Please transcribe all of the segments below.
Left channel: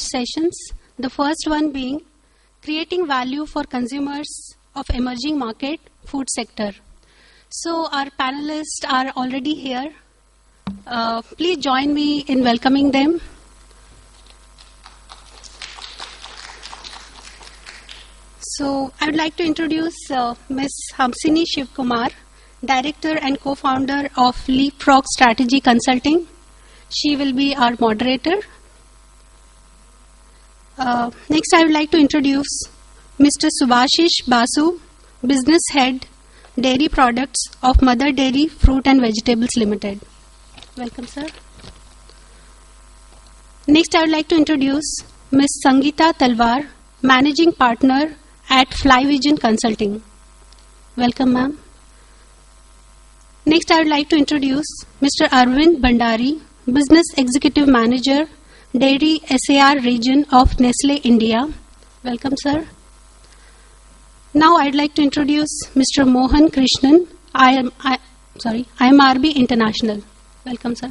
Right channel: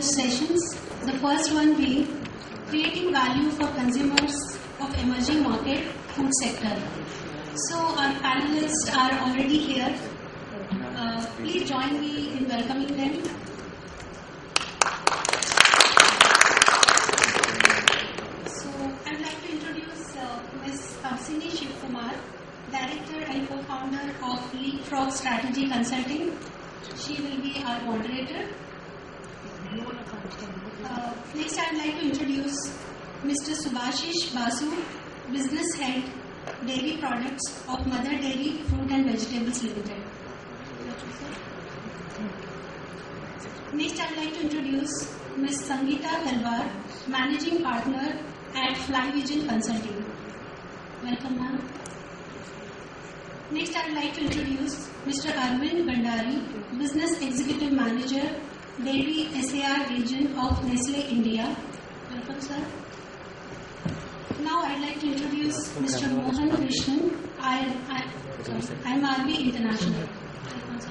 sessions. The first one being creating value for consumers of emerging market food sector. So our panelists are already here. Please join me in welcoming them. So I would like to introduce Ms. Hamsini Shivkumar, Director and Co-founder of Leapfrog Strategy Consulting. She will be our moderator. Next, I would like to introduce Mr. Subhashish Basu, Business Head, Dairy Products of Mother Dairy Fruit and Vegetables Limited. Welcome, sir. Next, I would like to introduce Ms. Sangeeta Talwar, Managing Partner at Flyvision Consulting. Welcome, ma'am. Next, I would like to introduce Mr. Arvind Bhandari, Business Executive Manager, Dairy SAR Region of Nestle India. Welcome, sir. Now, I'd like to introduce Mr. Mohan Krishnan, IMRB International. Welcome, sir.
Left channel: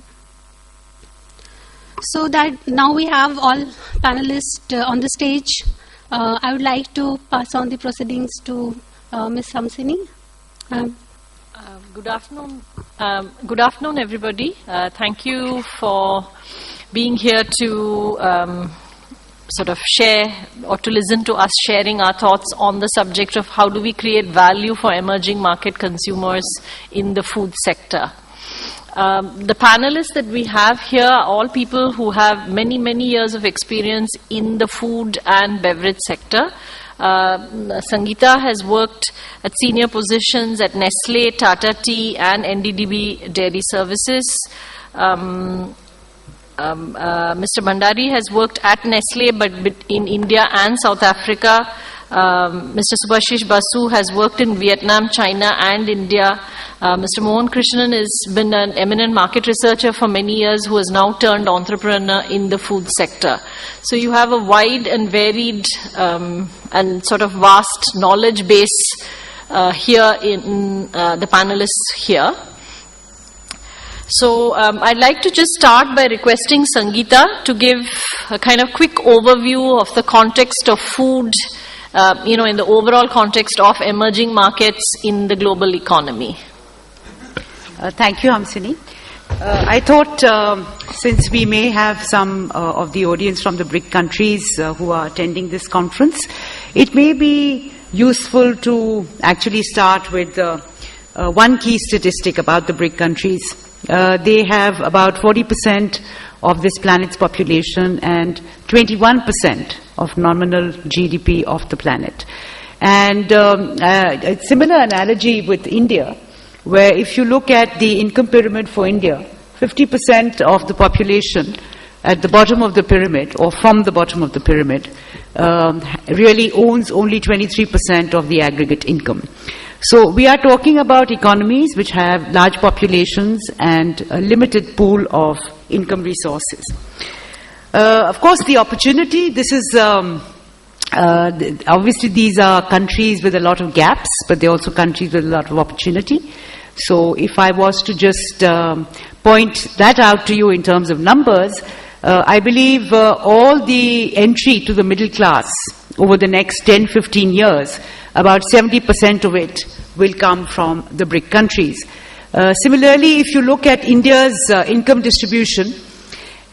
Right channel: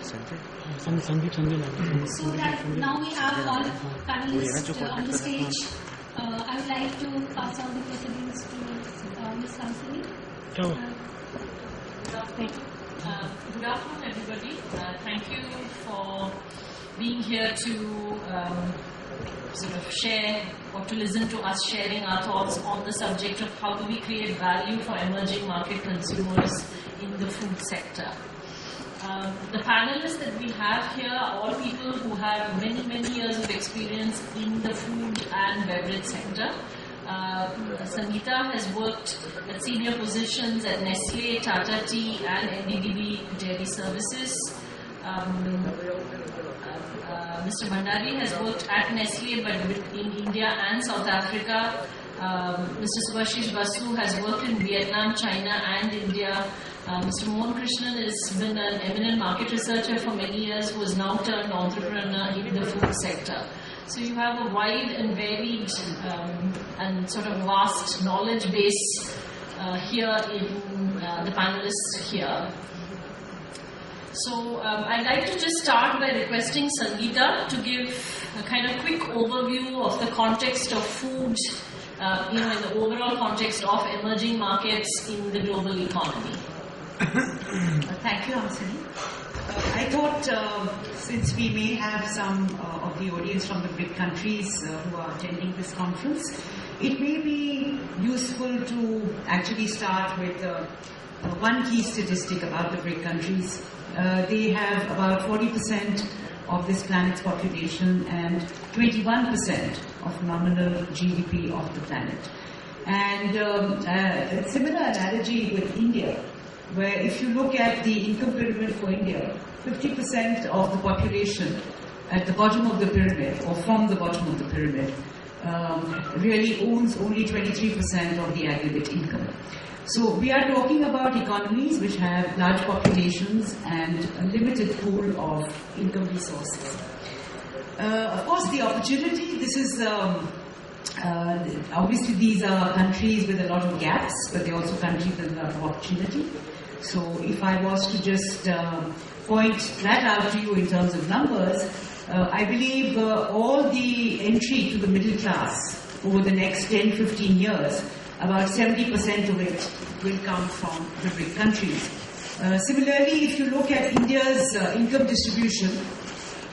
So that now we have all panelists on the stage. I would like to pass on the proceedings to Ms. Hamsini. Good afternoon. Good afternoon, everybody. Thank you for being here to sort of share or to listen to us sharing our thoughts on the subject of how do we create value for emerging market consumers in the food sector. The panelists that we have here are all people who have many, many years of experience in the food and beverage sector. Sangeeta has worked at senior positions at Nestle, Tata Tea and NDDB Dairy Services. Mr. Bhandari has worked at Nestle but in India and South Africa. Mr. Subhashish Basu has worked in Vietnam, China and India. Mr. Mohan Krishnan has been an eminent market researcher for many years who has now turned entrepreneur in the food sector. So you have a wide and varied and sort of vast knowledge base here in the panelists here. So I'd like to just start by requesting Sangeeta to give a kind of quick overview of the context of food, in the overall context of emerging markets in the global economy. Thank you, Hamsini. I thought since we may have some of the audience from the BRIC countries who are attending this conference, it may be useful to actually start with one key statistic about the BRIC countries. They have about 40% of this planet's population and 21% of nominal GDP of the planet. And a similar analogy with India, where if you look at the income pyramid for India, 50% of the population at the bottom of the pyramid or from the bottom of the pyramid really owns only 23% of the aggregate income. So we are talking about economies which have large populations and a limited pool of income resources. Of course, the opportunity, this is obviously these are countries with a lot of gaps, but they're also countries with a lot of opportunity. So if I was to just point that out to you in terms of numbers, I believe all the entry to the middle class over the next 10-15 years, about 70% of it will come from the BRIC countries. Similarly, if you look at India's income distribution,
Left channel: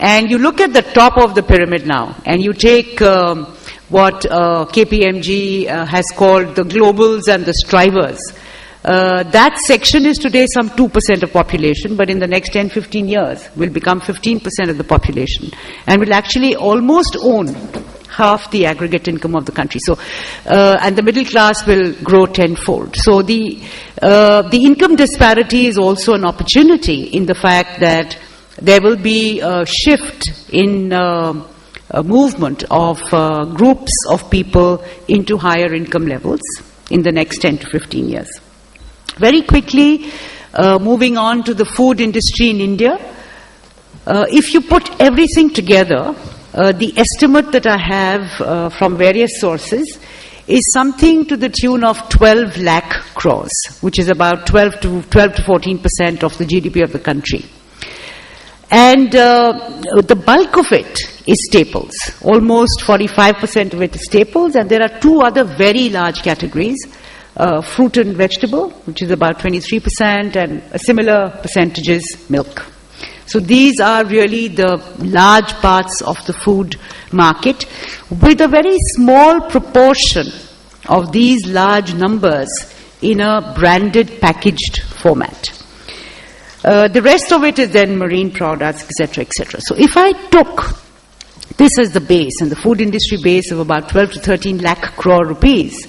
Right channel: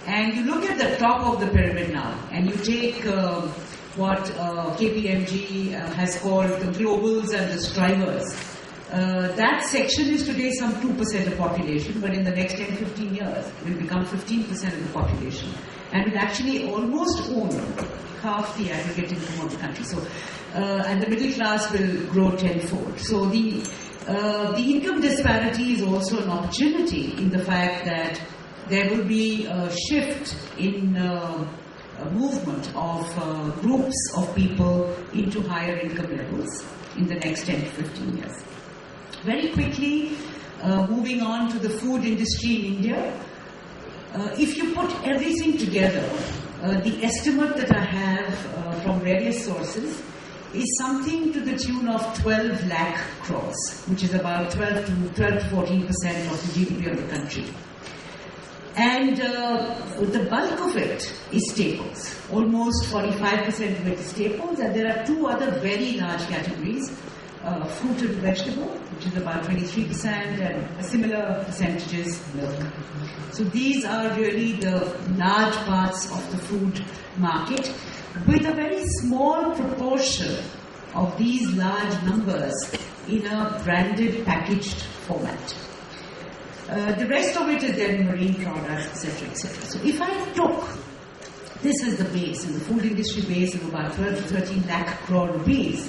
and you look at the top of the pyramid now, and you take what KPMG has called the globals and the strivers, that section is today some 2% of population, but in the next 10-15 years will become 15% of the population and will actually almost own half the aggregate income of the country. So, and the middle class will grow tenfold. So the income disparity is also an opportunity in the fact that there will be a shift in a movement of groups of people into higher income levels in the next 10 to 15 years. Very quickly, moving on to the food industry in India, if you put everything together, the estimate that I have from various sources is something to the tune of 12 lakh crores, which is about 12 to 14% of the GDP of the country. And the bulk of it is staples. Almost 45% of it is staples, and there are two other very large categories. Fruit and vegetable, which is about 23%, and a similar percentage is milk. So these are really the large parts of the food market, with a very small proportion of these large numbers in a branded packaged format. The rest of it is then marine products, etc., etc. So if I took this as the base, and the food industry base of about 12 to 13 lakh crore rupees,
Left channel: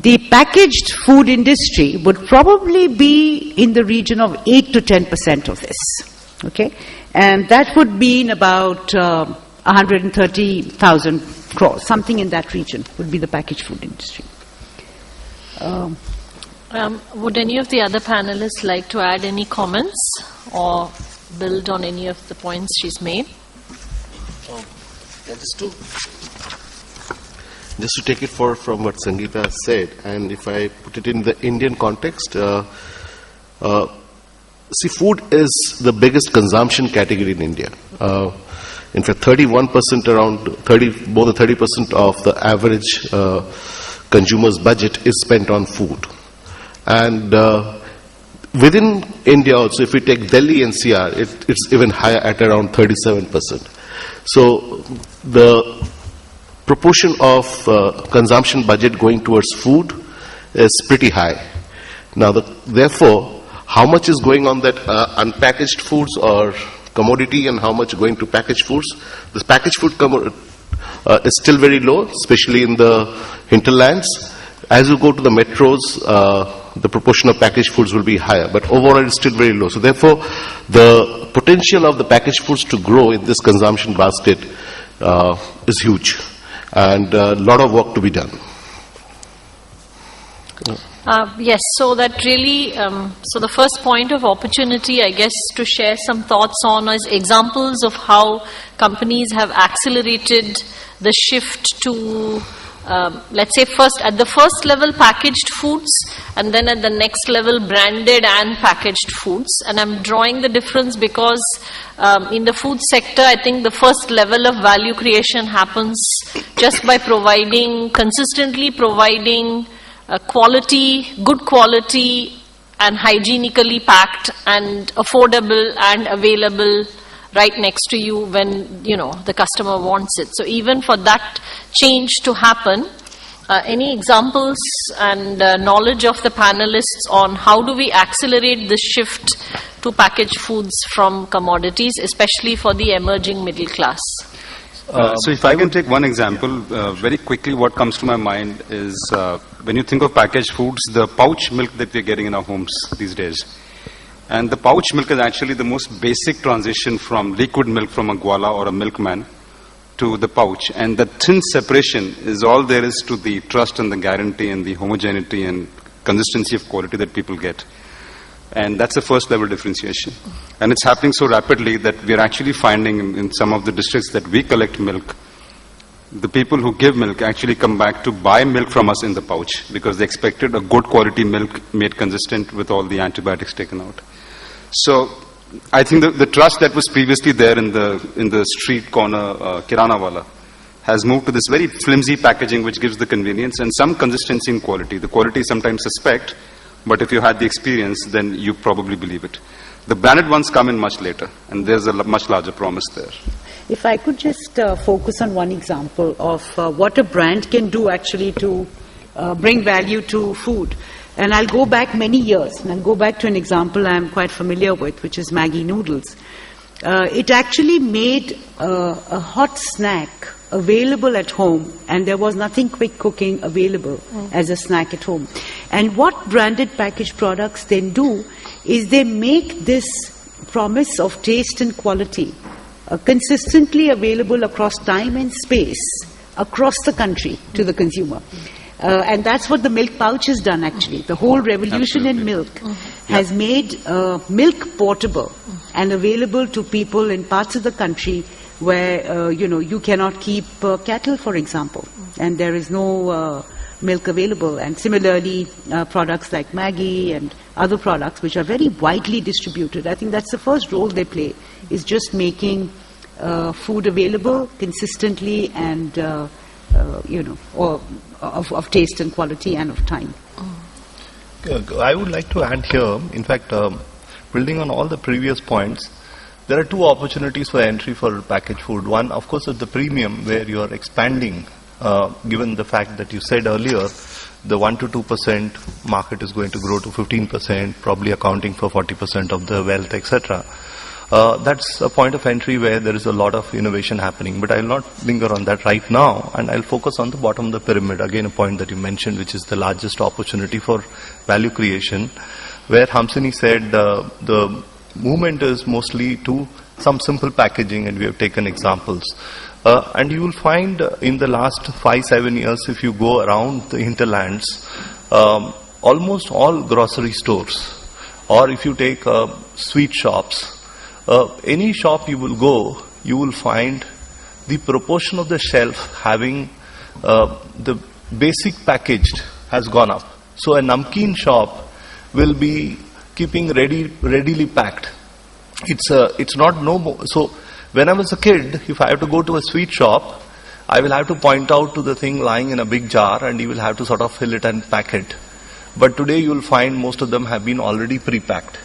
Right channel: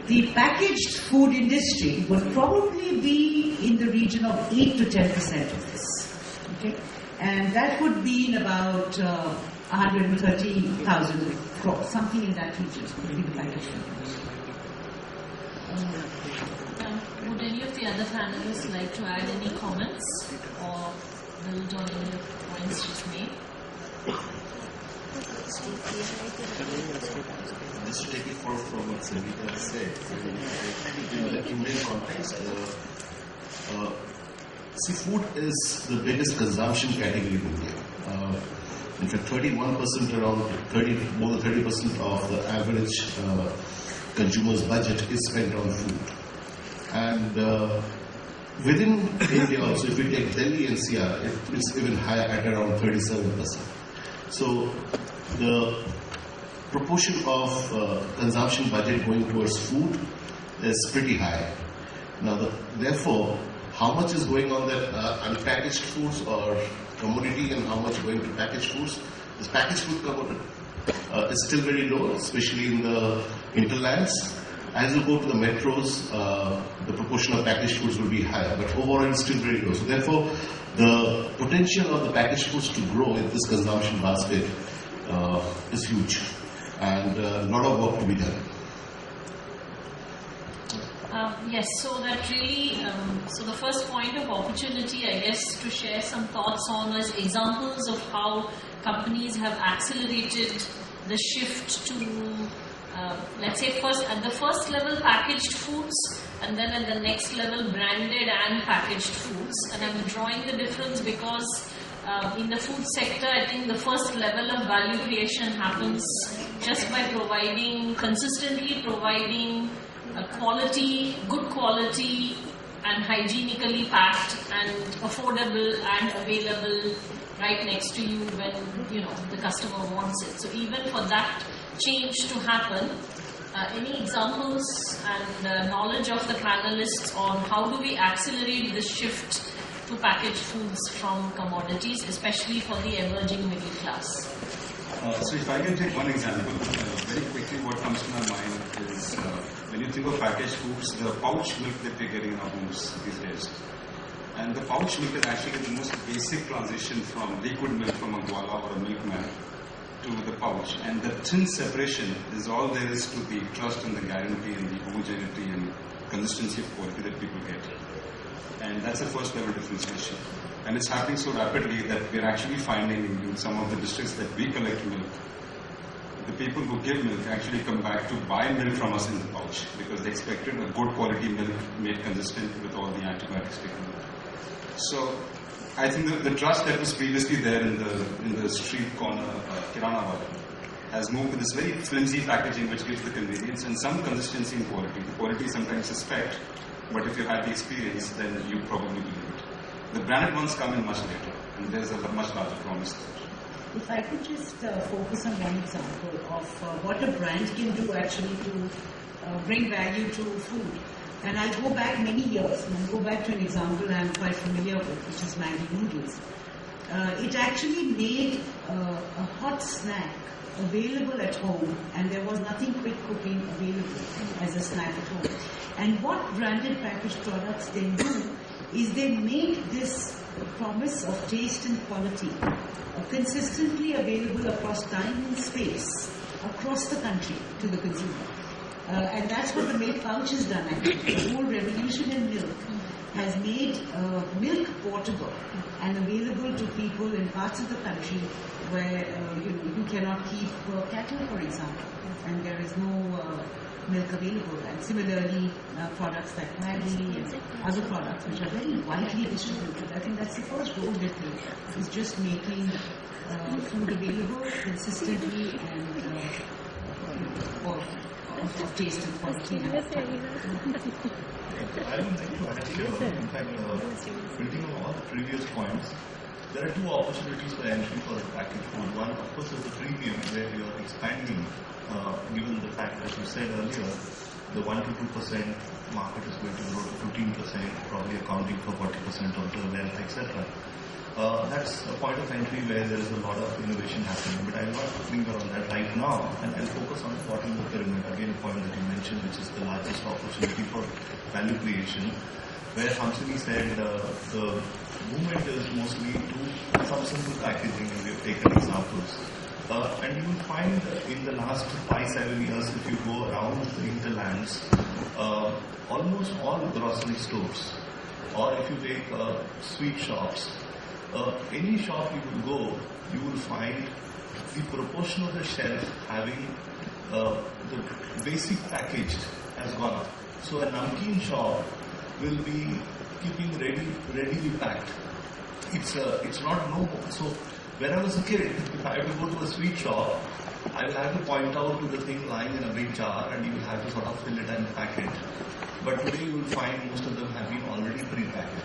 the packaged food industry would probably be in the region of 8 to 10% of this. Okay? And that would mean about 130,000 crores, something in that region would be the packaged food industry. Would any of the other panelists like to add any comments or build on any of the points she's made? Just to take it from what Sangeeta said, and if I put it in the Indian context, see, food is the biggest consumption category in India. In fact, 31%, more than 30% of the average consumer's budget is spent on food. And within India also, if we take Delhi NCR, it's even higher at around 37%. So the proportion of consumption budget going towards food is pretty high. Now, therefore, how much is going on that unpackaged foods or commodity, and how much going to packaged foods? This packaged food is still very low, especially in the hinterlands. As you go to the metros, the proportion of packaged foods will be higher, but overall it's still very low. So therefore, the potential of the packaged foods to grow in this consumption basket is huge, and a lot of work to be done. Yes, so that really, so the first point of opportunity, I guess, to share some thoughts on is examples of how companies have accelerated the shift to, let's say, at the first level packaged foods, and then at the next level branded and packaged foods. And I'm drawing the difference because in the food sector, I think the first level of value creation happens just by consistently providing good quality and hygienically packed and affordable and available right next to you when the customer wants it. So even for that change to happen, any examples and knowledge of the panelists on how do we accelerate the shift to packaged foods from commodities, especially for the emerging middle class? So if I can take one example, very quickly what comes to my mind is when you think of packaged foods, the pouch milk that we're getting in our homes these days. And the pouch milk is actually the most basic transition from liquid milk from a gwala or a milkman to the pouch. And the thin separation is all there is to the trust and the guarantee and the homogeneity and consistency of quality that people get. And that's the first level differentiation. And it's happening so rapidly that we're actually finding in some of the districts that we collect milk, the people who give milk actually come back to buy milk from us in the pouch because they expected a good quality milk made consistent with all the antibiotics taken out. So I think the trust that was previously there in the street corner kirana wala has moved to this very flimsy packaging which gives the convenience and some consistency in quality. The quality is sometimes suspect, but if you had the experience, then you probably believe it. The branded ones come in much later, and there's a much larger promise there. If I could just focus on one example of what a brand can do actually to bring value to food. And I'll go back many years, and I'll go back to an example I'm quite familiar with, which is Maggi noodles. It actually made a hot snack available at home, and there was nothing quick cooking available as a snack at home. And what branded packaged products then do is they make this promise of taste and quality consistently available across time and space across the country to the consumer. And that's what the milk pouch has done actually. The whole revolution in milk has made milk portable and available to people in parts of the country where you cannot keep cattle, for example, and there is no milk available. And similarly, products like Maggi and other products which are very widely distributed. I think that's the first role they play, is just making food available consistently and, or of taste and quality and of time. I would like to add here, in fact, building on all the previous points, there are two opportunities for entry for packaged food. One, of course, is the premium, where you are expanding, given the fact that you said earlier, the 1 to 2% market is going to grow to 15%, probably accounting for 40% of the wealth, etc. That's a point of entry where there is a lot of innovation happening, but I will not linger on that right now, and I'll focus on the bottom of the pyramid, again a point that you mentioned, which is the largest opportunity for value creation, where Hamsini said the movement is mostly to some simple packaging, and we have taken examples. And you will find in the last 5-7 years, if you go around the hinterlands, almost all grocery stores, or if you take sweet shops, any shop you will go, you will find the proportion of the shelf having the basic packaged has gone up. So a namkeen shop will be keeping readily packed. It's not no more. So when I was a kid, if I have to go to a sweet shop, I will have to point out to the thing lying in a big jar, and you will have to sort of fill it and pack it. But today you will find most of them have been already pre-packed.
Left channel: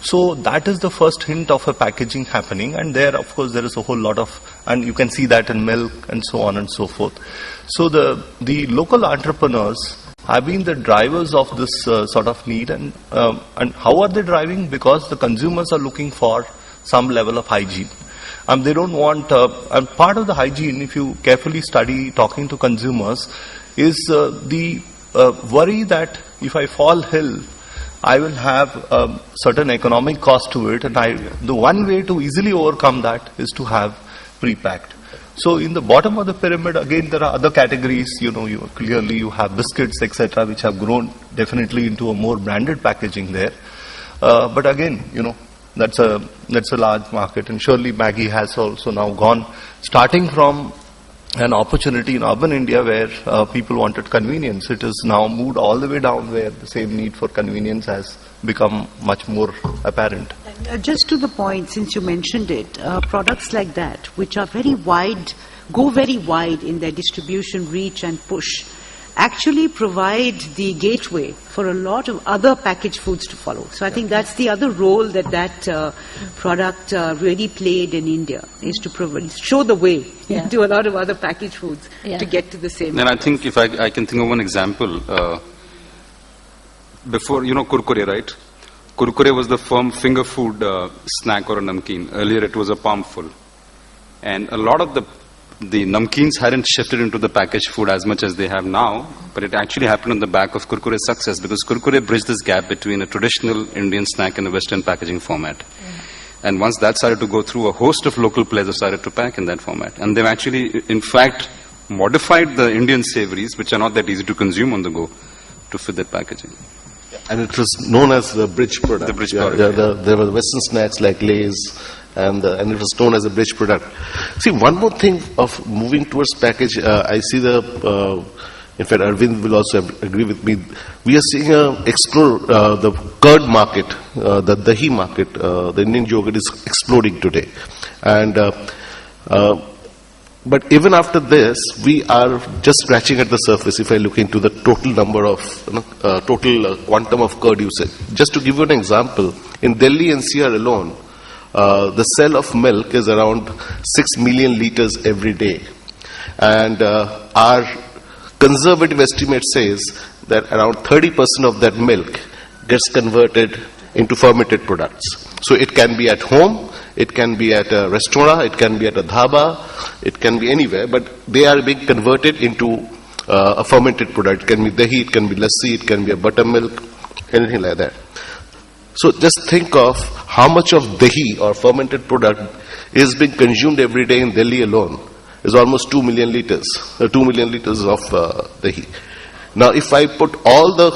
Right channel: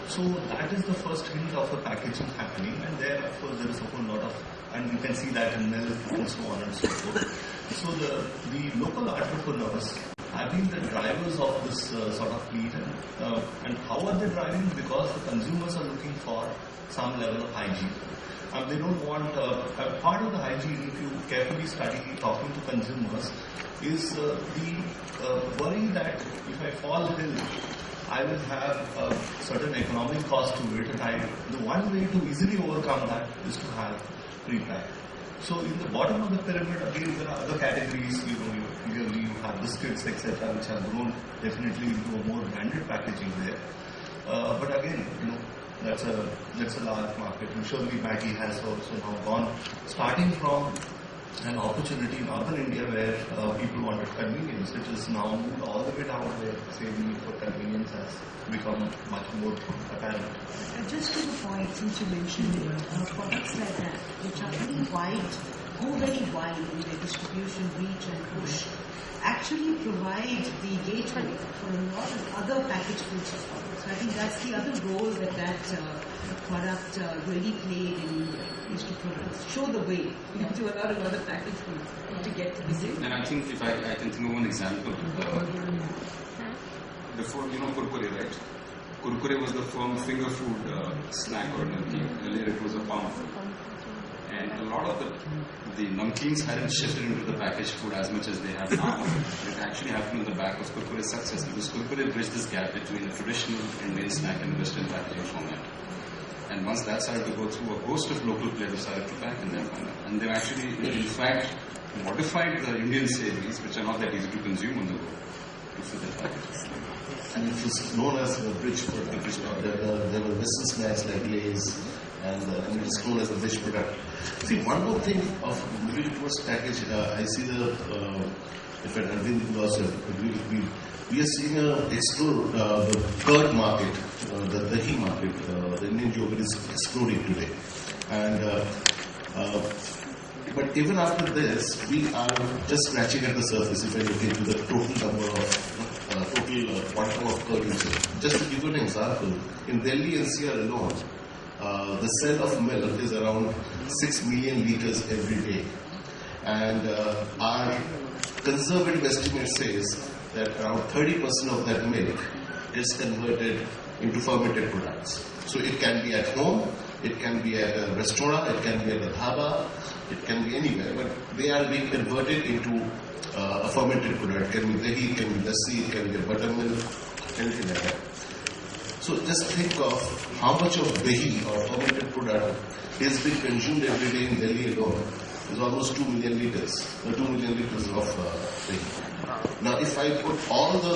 So that is the first hint of a packaging happening, and there, of course, there is a whole lot of, and you can see that in milk and so on and so forth. So the local entrepreneurs have been the drivers of this sort of need, and how are they driving? Because the consumers are looking for some level of hygiene. They don't want, and part of the hygiene, if you carefully study talking to consumers, is the worry that if I fall ill, I will have a certain economic cost to it, and the one way to easily overcome that is to have pre-packed. So in the bottom of the pyramid, again, there are other categories, clearly you have biscuits, etc., which have grown definitely into a more branded packaging there. But again, that's a large market, and surely Maggi has also now gone, starting from an opportunity in urban India where people wanted convenience. It is now moved all the way down where the same need for convenience has become much more apparent. Just to the point, since you mentioned it, products like that, which are very wide, go very wide in their distribution, reach and push, actually provide the gateway for a lot of other packaged foods to follow. So I think that's the other role that product really played in India, is to show the way to a lot of other packaged foods to get to the same. And I think if I can think of one example, before, Kurkure, right? Kurkure was the firm finger food snack or a namkeen. Earlier it was a palmful. And a lot of the namkeens hadn't shifted into the packaged food as much as they have now, but it actually happened on the back of Kurkure's success, because Kurkure bridged this gap between a traditional Indian snack and a Western packaging format. And once that started to go through, a host of local players have started to pack in that format. And they've actually, in fact, modified the Indian savories, which are not that easy to consume on the go, to fit that packaging. And it was known as the bridge product. The bridge product. There were Western snacks like Lay's, and it was known as a bridge product. See, one more thing of moving towards package, I see in fact, Arvind will also agree with me. We are seeing explore the curd market, the dahi market. The Indian yogurt is exploding today, and but even after this, we are just scratching at the surface. If I look into the total number of total quantum of curd usage, just to give you an example, in Delhi NCR alone, the sale of milk is around 6 million liters every day, and our conservative estimate says that around 30% of that milk gets converted into fermented products. So it can be at home, it can be at a restaurant, it can be at a dhaba, it can be anywhere, but they are being converted into a fermented product. It can be dahi, it can be lassi, it can be a buttermilk, anything like that. So just think of how much of dahi or fermented product is being consumed every day in Delhi alone. Is almost 2 million liters. 2 million liters of dahi. Now, if I put all the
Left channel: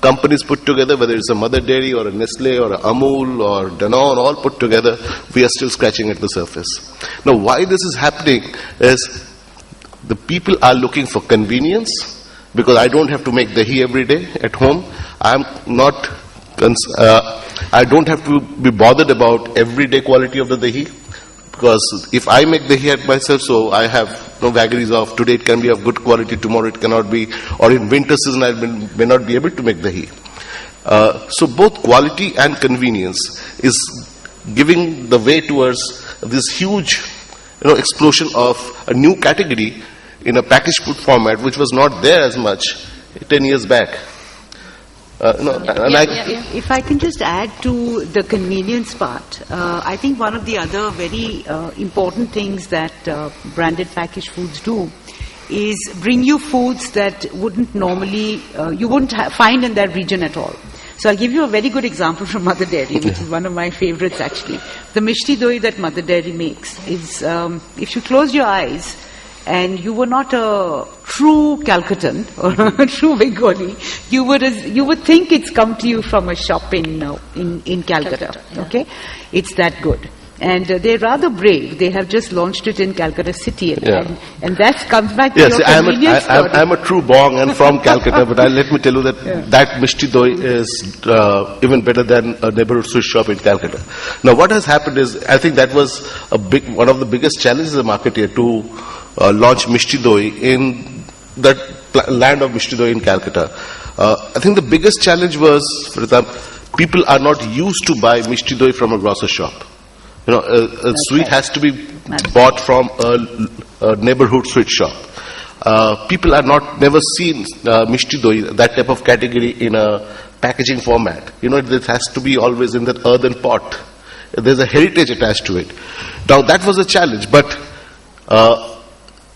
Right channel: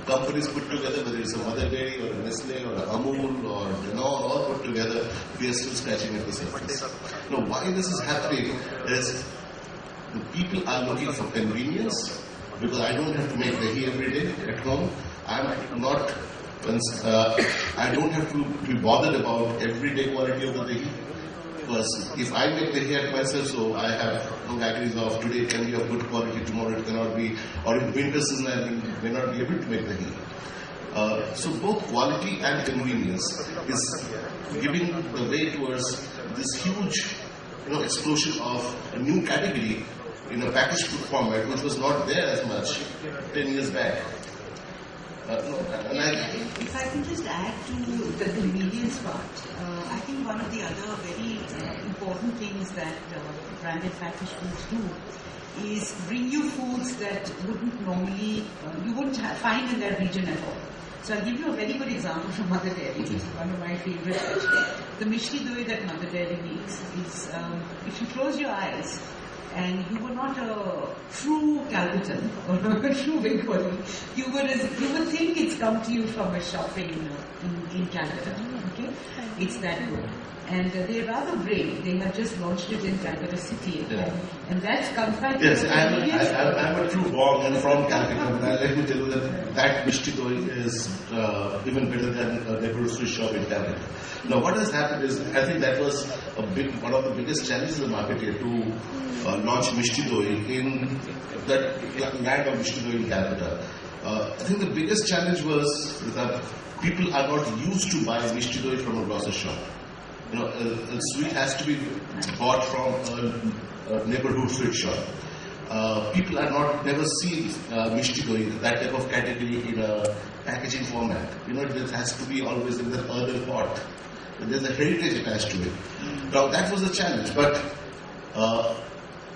companies put together, whether it's a Mother Dairy or a Nestle or a Amul or Danone, all put together, we are still scratching at the surface. Now, why this is happening is the people are looking for convenience, because I don't have to make dahi every day at home. I don't have to be bothered about everyday quality of the dahi, because if I make dahi at myself, so I have no vagaries of today it can be of good quality, tomorrow it cannot be, or in winter season I may not be able to make dahi. So both quality and convenience is giving the way towards this huge explosion of a new category in a packaged food format which was not there as much 10 years back. If I can just add to the convenience part, I think one of the other very important things that branded packaged foods do is bring you foods that wouldn't normally, you wouldn't find in that region at all. So I'll give you a very good example from Mother Dairy, which is one of my favorites actually. The Mishti Doi that Mother Dairy makes is, if you close your eyes and you were not a true Calcuttan or a true Bengali, you would think it's come to you from a shop in Calcutta. Okay, it's that good. And they're rather brave. They have just launched it in Calcutta City, and that comes back to your convenience story. I'm a true Bong and from Calcutta, but let me tell you that that Mishti Doi is even better than a neighborhood Swiss shop in Calcutta. Now, what has happened is, I think that was one of the biggest challenges in the market here to launch Mishti Doi in that land of Mishti Doi in Calcutta. I think the biggest challenge was, for example, people are not used to buy Mishti Doi from a grocer shop. A sweet has to be bought from a neighborhood sweet shop. People are never seen Mishti Doi, that type of category, in a packaging format. It has to be always in that earthen pot. There's a heritage attached to it. Now that was a challenge, but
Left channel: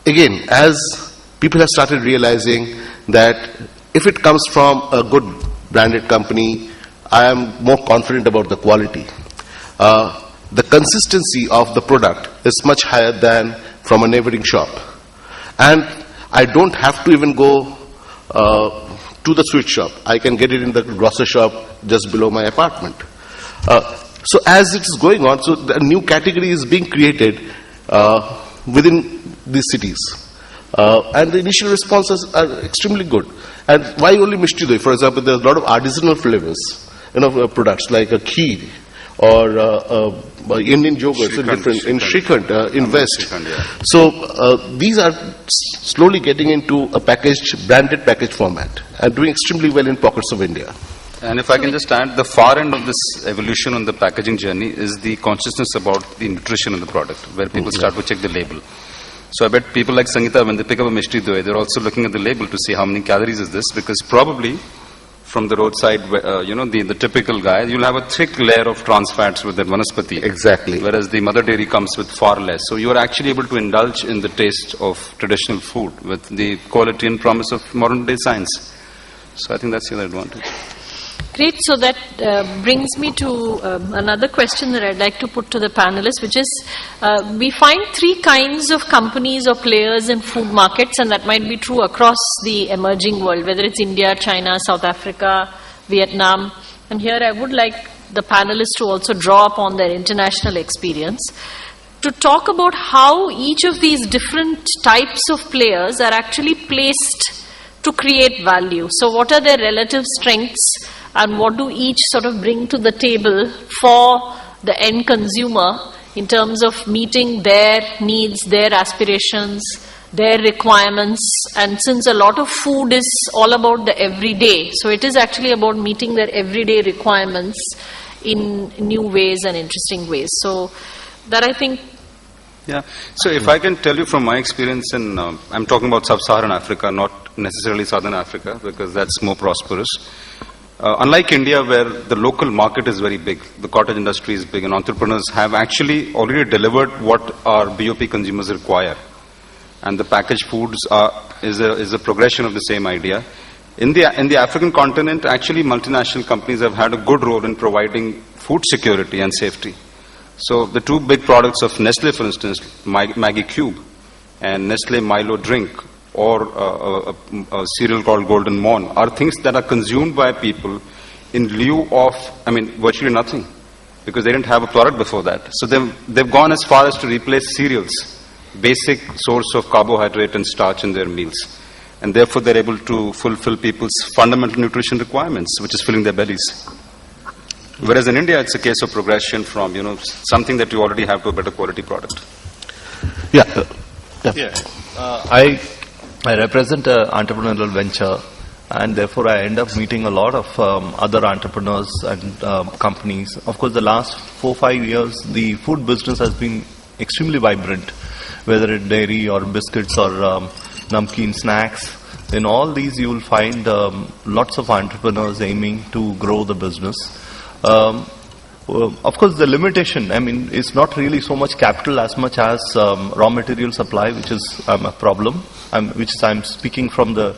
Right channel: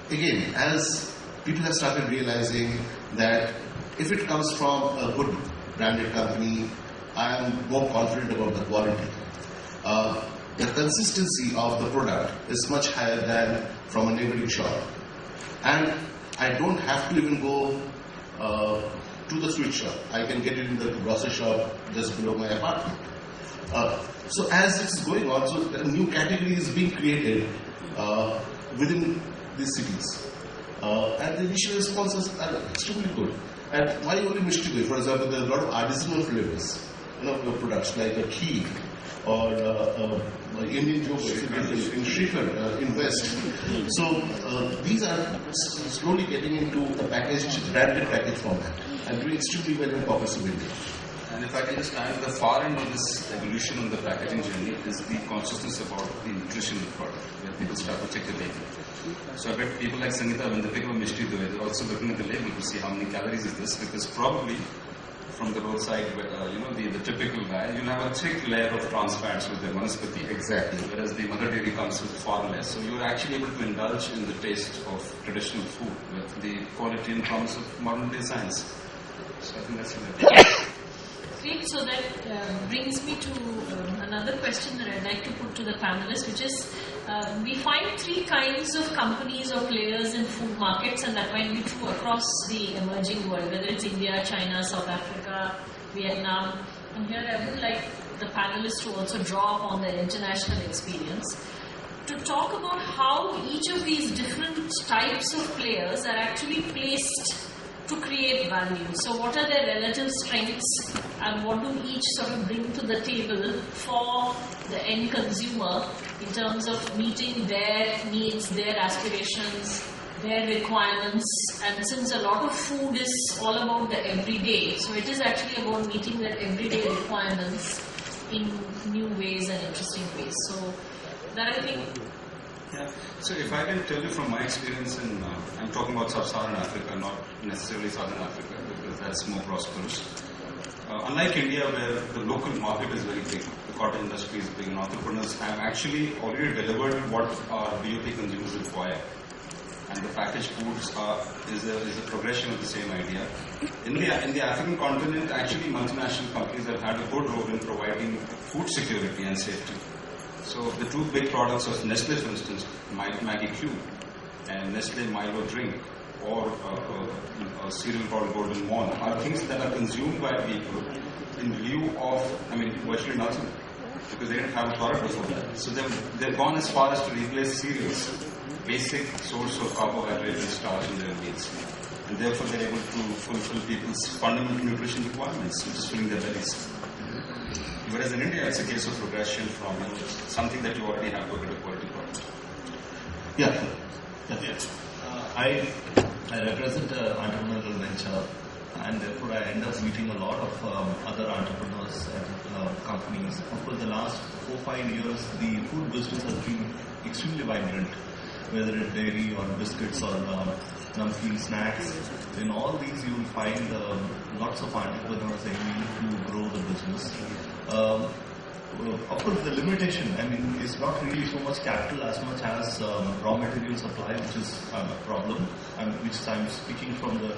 again, as people have started realizing that if it comes from a good branded company, I am more confident about the quality. The consistency of the product is much higher than from a neighboring shop. And I don't have to even go to the sweet shop. I can get it in the grocer shop just below my apartment. So as it is going on, so a new category is being created within these cities. And the initial responses are extremely good. And why only Mishti Doi? For example, there's a lot of artisanal flavors, products like a ghee or Indian yogurts in Shrikhand, in West. So these are slowly getting into a branded package format and doing extremely well in pockets of India. And if I can just add, the far end of this evolution on the packaging journey is the consciousness about the nutrition of the product, where people start to check the label. So I bet people like Sangeeta, when they pick up a Mishti Doi, they're also looking at the label to see how many calories is this, because probably from the roadside, the typical guy, you'll have a thick layer of trans fats with that vanaspati. Exactly. Whereas the Mother Dairy comes with far less. So you are actually able to indulge in the taste of traditional food with the quality and promise of modern day science. So I think that's the other advantage. Great. So that brings me to another question that I'd like to put to the panelists, which is we find three kinds of companies or players in food markets, and that might be true across the emerging world, whether it's India, China, South Africa, Vietnam. And here I would like the panelists to also draw upon their international experience to talk about how each of these different types of players are actually placed to create value. So what are their relative strengths, and what do each sort of bring to the table for the end consumer in terms of meeting their needs, their aspirations, their requirements. And since a lot of food is all about the everyday, so it is actually about meeting their everyday requirements in new ways and interesting ways. So that, I think. Yeah. So if I can tell you from my experience in, I'm talking about sub-Saharan Africa, not necessarily Southern Africa, because that's more prosperous. Unlike India, where the local market is very big, the cottage industry is big, and entrepreneurs have actually already delivered what our BOP consumers require. And the packaged foods is a progression of the same idea. In the African continent, actually multinational companies have had a good role in providing food security and safety. So the two big products of Nestle, for instance, Maggie Cube and Nestle Milo drink, or a cereal called Golden Morn, are things that are consumed by people in lieu of, virtually nothing, because they didn't have a product before that. So they've gone as far as to replace cereals, basic source of carbohydrate and starch in their meals. and therefore they're able to fulfill people's fundamental nutrition requirements, which is filling their bellies. Whereas in India, it's a case of progression from, something that you already have to a better quality product. Yeah. I represent an entrepreneurial venture, and therefore I end up meeting a lot of other entrepreneurs and companies. Of course, the last 4-5 years, the food business has been extremely vibrant, whether it's dairy or biscuits or namkeen snacks. In all these, you will find lots of entrepreneurs aiming to grow the business. Of course, the limitation, is not really so much capital as much as raw material supply, which is a problem, I'm speaking from the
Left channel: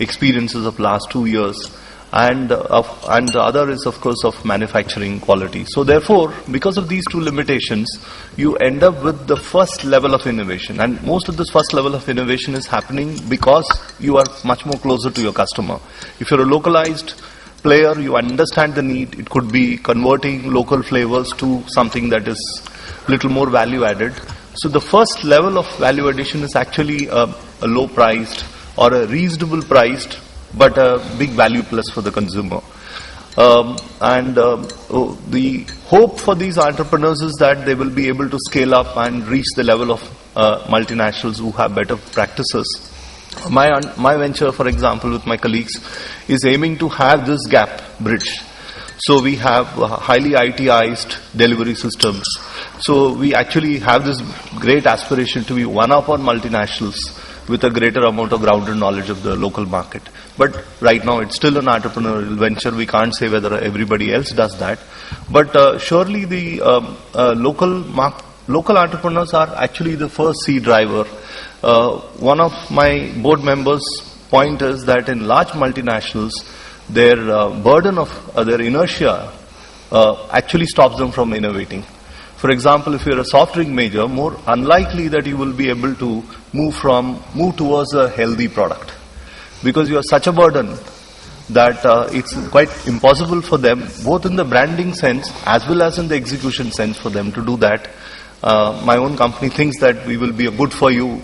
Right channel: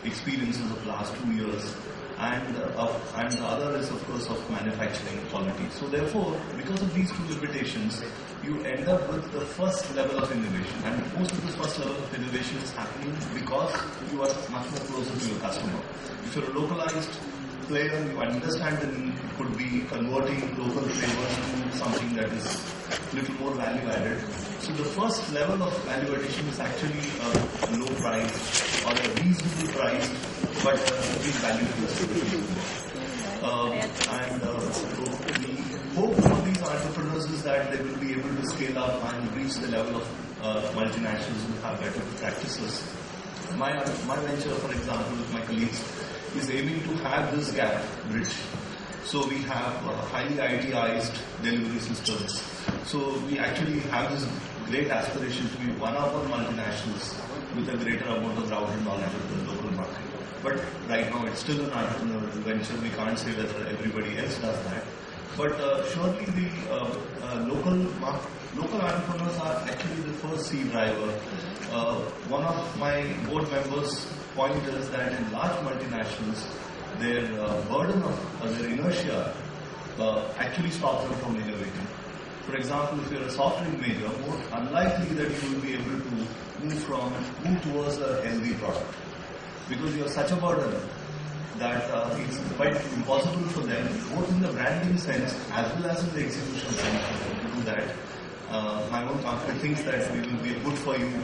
experiences of last 2 years. And the other is, of course, of manufacturing quality. So therefore, because of these two limitations, you end up with the first level of innovation. And most of this first level of innovation is happening because you are much more closer to your customer. If you're a localized player, you understand the need. It could be converting local flavors to something that is little more value added. So the first level of value addition is actually a low priced or a reasonable priced but a big value plus for the consumer. The hope for these entrepreneurs is that they will be able to scale up and reach the level of multinationals who have better practices. My venture, for example, with my colleagues, is aiming to have this gap bridge. So we have highly ITized delivery systems. So we actually have this great aspiration to be one up on multinationals with a greater amount of grounded knowledge of the local market. But right now it's still an entrepreneurial venture. We can't say whether everybody else does that. But surely the local entrepreneurs are actually the first seed driver. One of my board members' point is that in large multinationals, their burden of their inertia actually stops them from innovating. For example, if you're a soft drink major, more unlikely that you will be able to move towards a healthy product, because you are such a burden that it's quite impossible for them, both in the branding sense as well as in the execution sense, for them to do that. My own company thinks that we will be a good for you,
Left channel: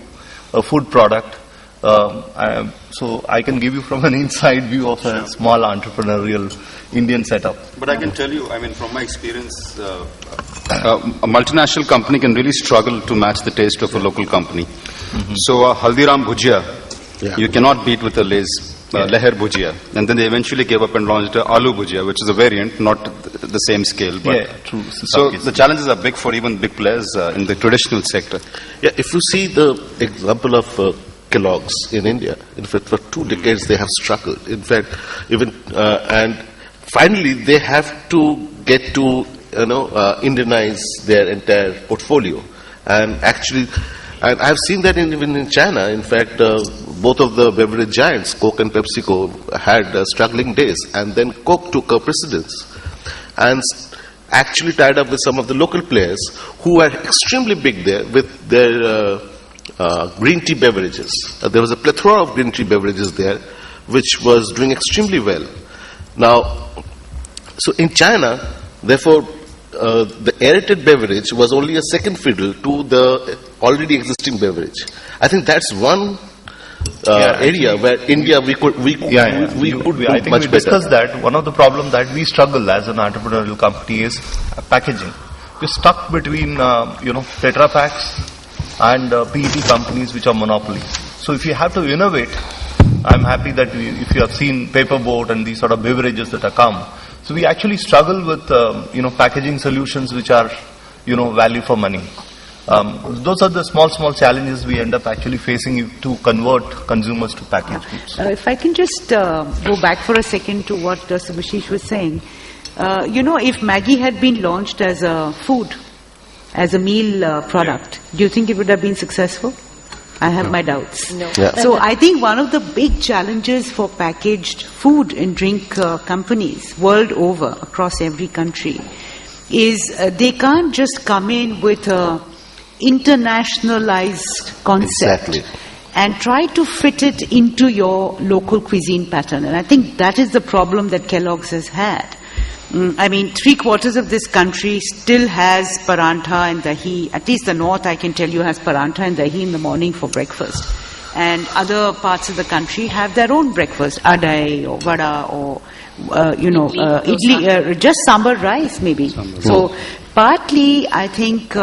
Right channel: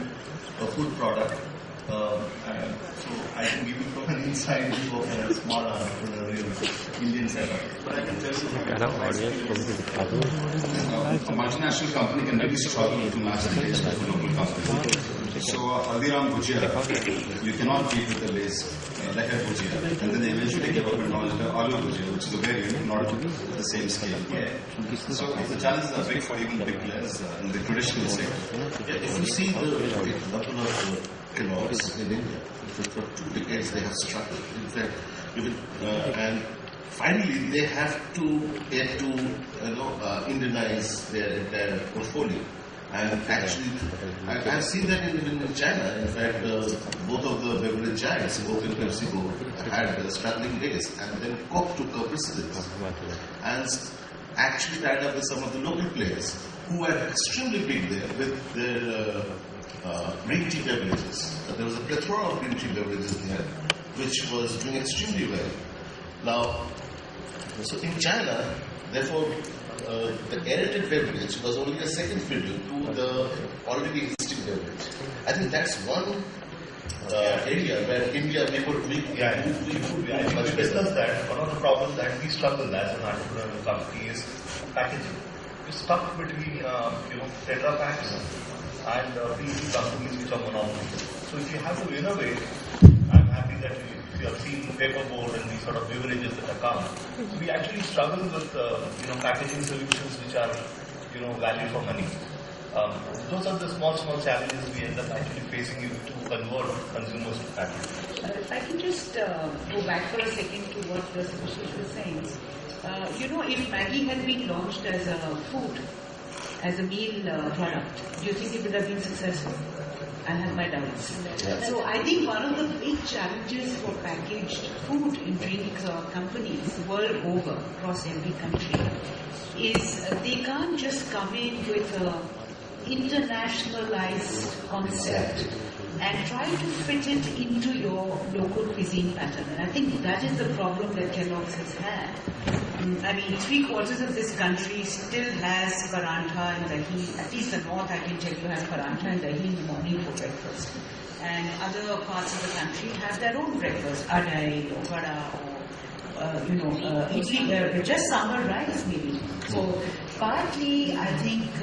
a food product. So I can give you from an inside view of a small entrepreneurial Indian setup. But I can tell you, from my experience, a multinational company can really struggle to match the taste of a local company. Mm-hmm. So Haldiram Bhujia, you cannot beat with the Lay's Leher Bhujia. And then they eventually gave up and launched Aloo Bhujia, which is a variant, not the same scale. But true. So the challenges are big for even big players in the traditional sector. Yeah, if you see the example of Kellogg's in India, in fact, for 2 decades they have struggled. In fact, and finally they have to get to Indianize their entire portfolio, and actually, and I've seen that even in China. In fact, both of the beverage giants, Coke and PepsiCo, had struggling days, and then Coke took a precedence and actually tied up with some of the local players who were extremely big there with their green tea beverages. There was a plethora of green tea beverages there, which was doing extremely well. Now, so in China, therefore, the aerated beverage was only a second fiddle to the already existing beverage. I think that's one area where India we could do I think much we better. discussed that. One of the problems that we struggle as an entrepreneurial company is packaging. We're stuck between Tetra Paks and PET companies which are monopolies. So if you have to innovate, I'm happy that if you have seen Paperboat and these sort of beverages that have come. So we actually struggle with packaging solutions which are value for money. Those are the small challenges we end up actually facing to convert consumers to packaged goods. If I can just go back for a second to what Subhashish was saying. If Maggi had been launched as a food, as a meal product, do you think it would have been successful? I have my doubts. No. Yeah. So I think one of the big challenges for packaged food and drink companies world over, across every country, is they can't just come in with a internationalized concept Exactly. and try to fit it into your local cuisine pattern. And I think that is the problem that Kellogg's has had. 3/4 of this country still has parantha and dahi. At least the north, I can tell you, has parantha and dahi in the morning for breakfast. and other parts of the country have their own breakfast, adai or vada or idli, just sambar rice maybe. So partly I think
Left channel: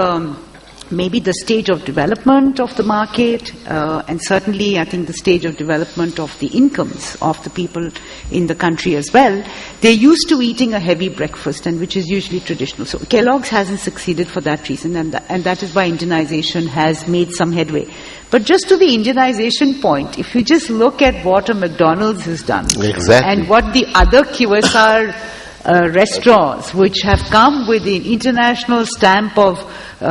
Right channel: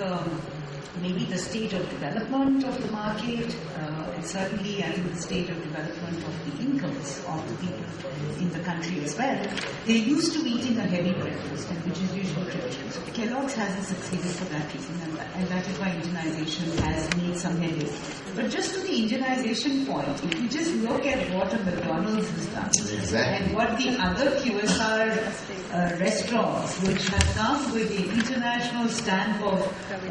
maybe the stage of development of the market, and certainly I think the stage of development of the incomes of the people in the country as well. They're used to eating a heavy breakfast, and which is usually traditional. So Kellogg's hasn't succeeded for that reason, and that is why Indianization has made some headway. But just to the Indianization point, if you just look at what a McDonald's has done, Exactly. and what the other QSR restaurants, which have come with the international stamp of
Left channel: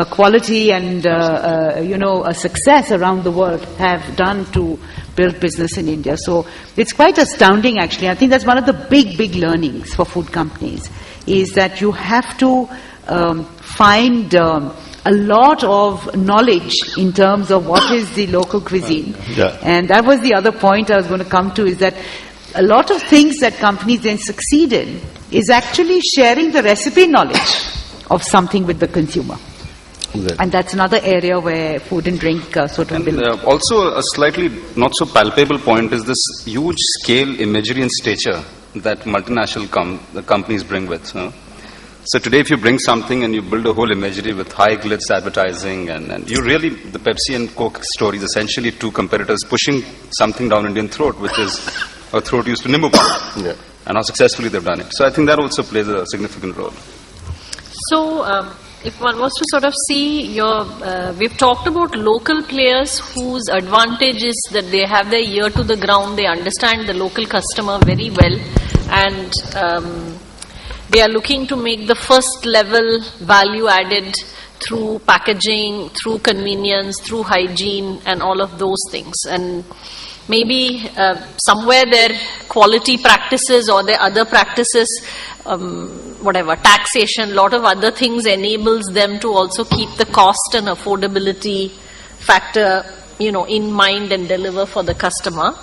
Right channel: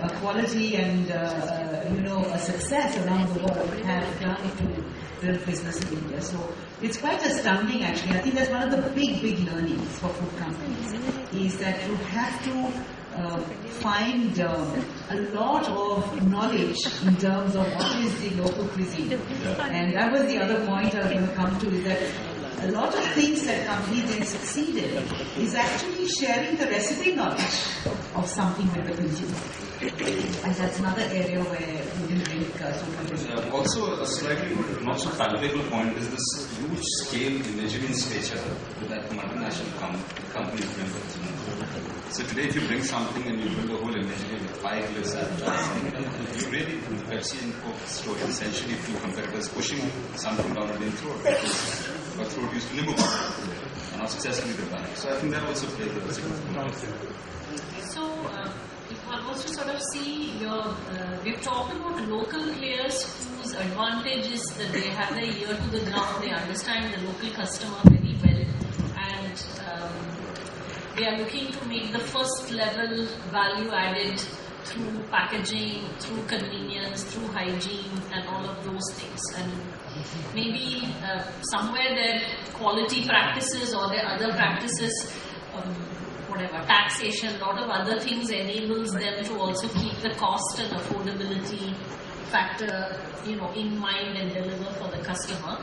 quality and a success around the world, have done to build business in India. So it's quite astounding, actually. I think that's one of the big learnings for food companies, is that you have to find a lot of knowledge in terms of what is the local cuisine. Yeah. And that was the other point I was going to come to, is that a lot of things that companies then succeed in is actually sharing the recipe knowledge of something with the consumer. Exactly. And that's another area where food and drink sort of And build. also a slightly not so palpable point is this huge scale, imagery and stature that multinational companies bring with. So today if you bring something and you build a whole imagery with high glitz advertising, and you really, the Pepsi and Coke story is essentially two competitors pushing something down Indian throat, which is a throat used to Nimbu Paani. Yeah. And how successfully they've done it. So I think that also plays a significant role. So, if one was to sort of see we've talked about local players whose advantage is that they have their ear to the ground, they understand the local customer very well, and they are looking to make the first level value added through packaging, through convenience, through hygiene, and all of those things. And maybe somewhere their quality practices or their other practices, taxation, lot of other things enables them to also keep the cost and affordability factor, in mind and deliver for the customer.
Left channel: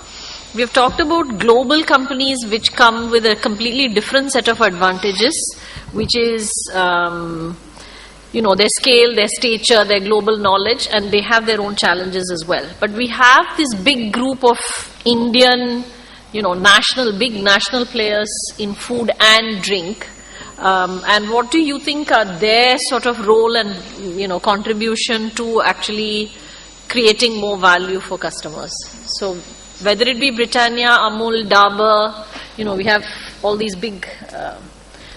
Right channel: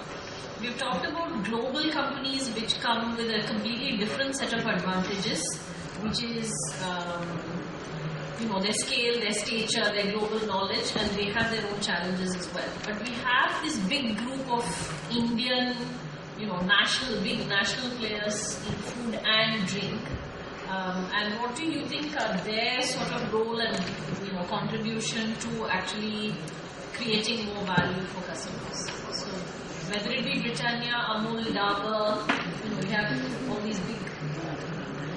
We've talked about global companies which come with a completely different set of advantages, which is, their scale, their stature, their global knowledge, and they have their own challenges as well. But we have this big group of Indian, big national players in food and drink. And what do you think are their sort of role and contribution to actually creating more value for customers? So whether it be Britannia, Amul, Dabur, we have all these big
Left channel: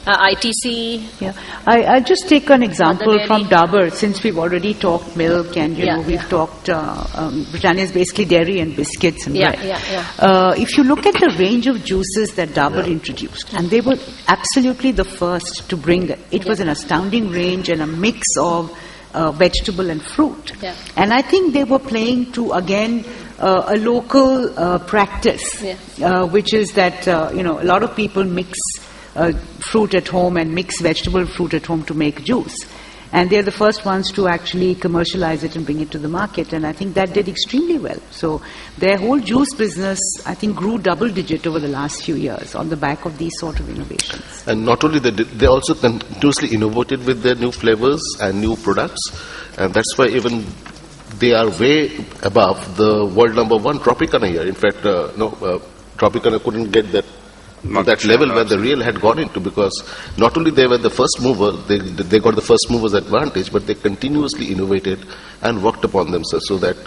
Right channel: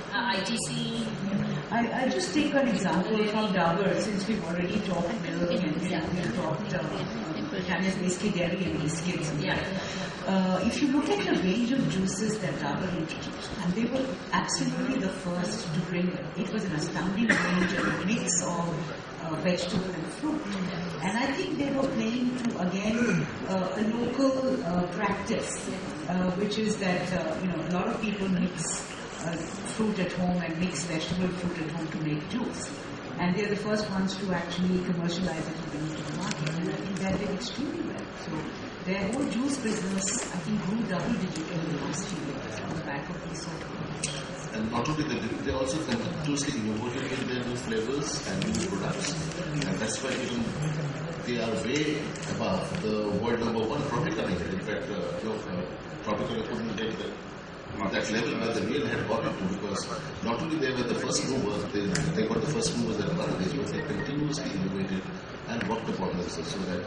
ITC. Yeah. I'll just take an example Mother from Dairy. Dabur, since we've already talked milk and we've talked Britannia is basically dairy and biscuits and bread. If you look at the range of juices that Dabur introduced, and they were absolutely the first to bring it was an astounding range and a mix of vegetable and fruit. Yeah. And I think they were playing to, again, a local practice, which is that, a lot of people mix fruit at home and mix vegetable fruit at home to make juice. And they're the first ones to actually commercialize it and bring it to the market. And I think that did extremely well. So their whole juice business, I think, grew double digit over the last few years on the back of these sort of innovations. And not only that, they also continuously innovated with their new flavors and new products. And that's why even they are way above the world number one Tropicana here. In fact, Tropicana couldn't get that level where the real had gone into, because not only they were the first mover, they got the first mover's advantage, but they continuously innovated and worked upon themselves so that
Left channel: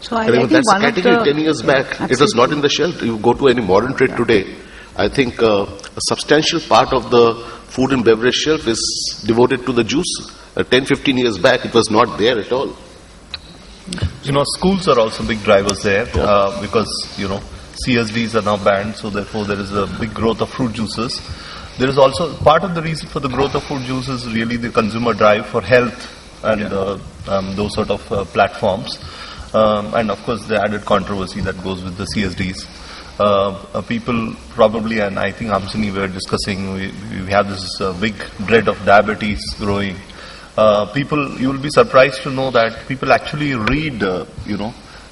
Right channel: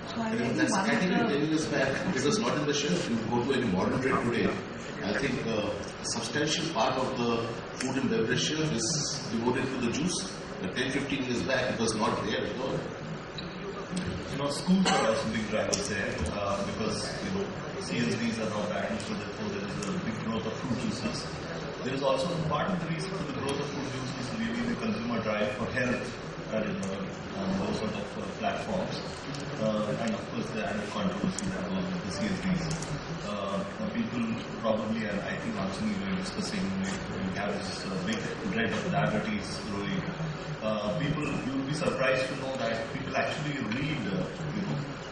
So I think that's one category of the 10 years back. Absolutely. It was not in the shelf. You go to any modern trade today, I think a substantial part of the food and beverage shelf is devoted to the juice. 10-15 years back, it was not there at all. Schools are also big drivers there because, CSDs are now banned, so therefore there is a big growth of fruit juices. There is also part of the reason for the growth of fruit juices is really the consumer drive for health and those sort of platforms. And of course the added controversy that goes with the CSDs. People probably, and I think Hamsini we were discussing, we have this big dread of diabetes growing. You will be surprised to know that people actually read,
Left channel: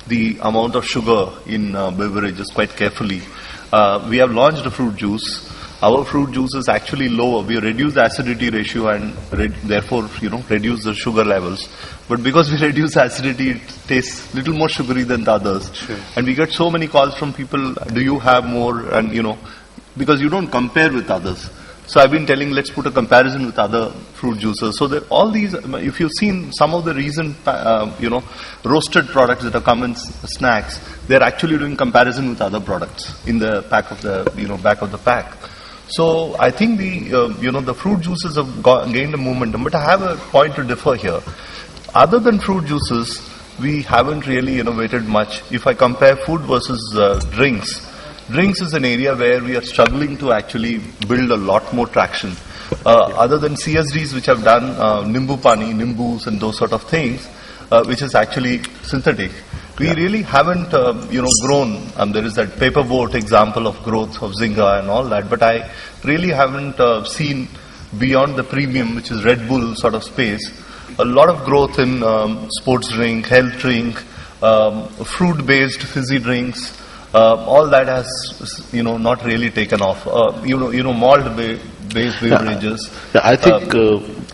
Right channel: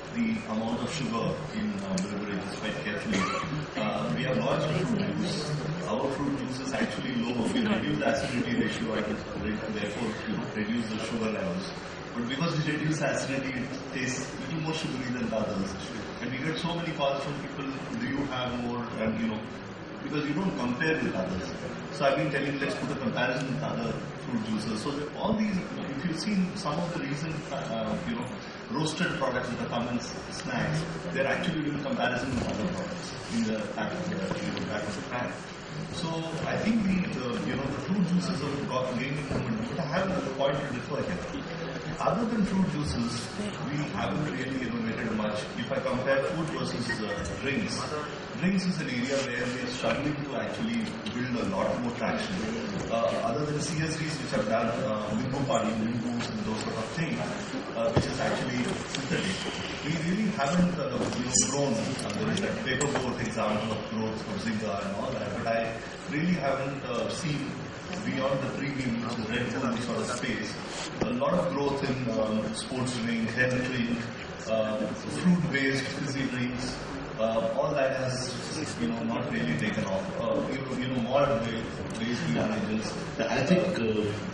the amount of sugar in beverages quite carefully. We have launched a fruit juice. Our fruit juice is actually lower. We reduce the acidity ratio and therefore, reduce the sugar levels. But because we reduce acidity, it tastes little more sugary than the others. Sure. And we get so many calls from people, do you have more? And because you don't compare with others. So I've been telling, let's put a comparison with other fruit juices. So that all these, if you've seen some of the recent, roasted products that have come in snacks, they're actually doing comparison with other products in the back of the, back of the pack. So I think the fruit juices have gained a momentum. But I have a point to differ here. Other than fruit juices, we haven't really innovated much. If I compare food versus drinks is an area where we are struggling to actually build a lot more traction. Other than CSDs which have done Nimbu Pani, Nimbus and those sort of things, which is actually synthetic. We really haven't, grown. There is that paper boat example of growth of Zynga and all that, but I really haven't seen beyond the premium, which is Red Bull sort of space, a lot of growth in sports drink, health drink, fruit-based fizzy drinks. All that has, not really taken off. Malt-based beverages. Yeah, I think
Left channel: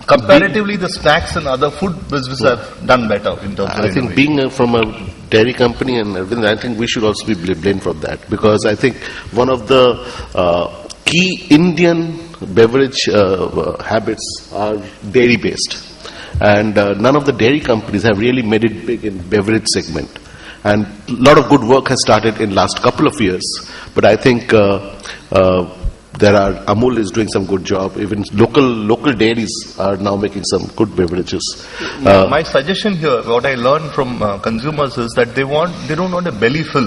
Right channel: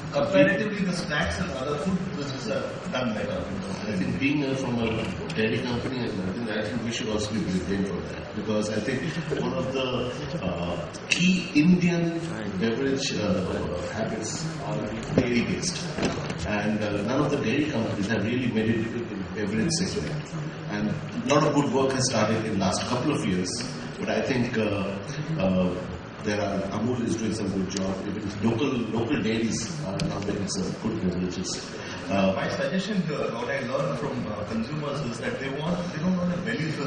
comparatively, the snacks and other food businesses have done better in terms of I think being from a dairy company and everything, I think we should also be blamed for that, because I think one of the key Indian beverage habits are dairy-based, and none of the dairy companies have really made it big in beverage segment. And a lot of good work has started in last couple of years. But I think Amul is doing some good job. Even local dairies are now making some good beverages. My suggestion here, what I learned from consumers is that they don't want a belly fill.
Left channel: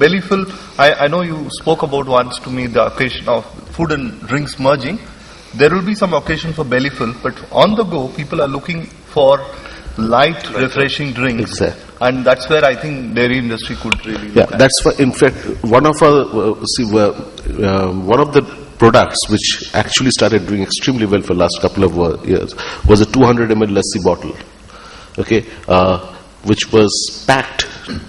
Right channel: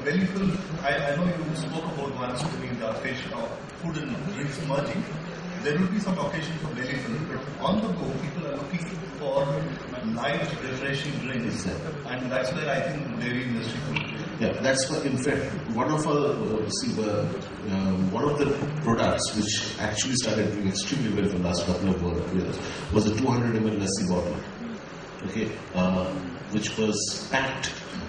Belly fill. I know you spoke about once to me the occasion of food and drinks merging. There will be some occasion for belly fill, but on the go, people are looking for light, refreshing drinks. Exactly. And that's where I think dairy industry could really. Yeah, that's why. In fact, one of the products which actually started doing extremely well for the last couple of years was a 200 ml lassi bottle. Okay, which was packed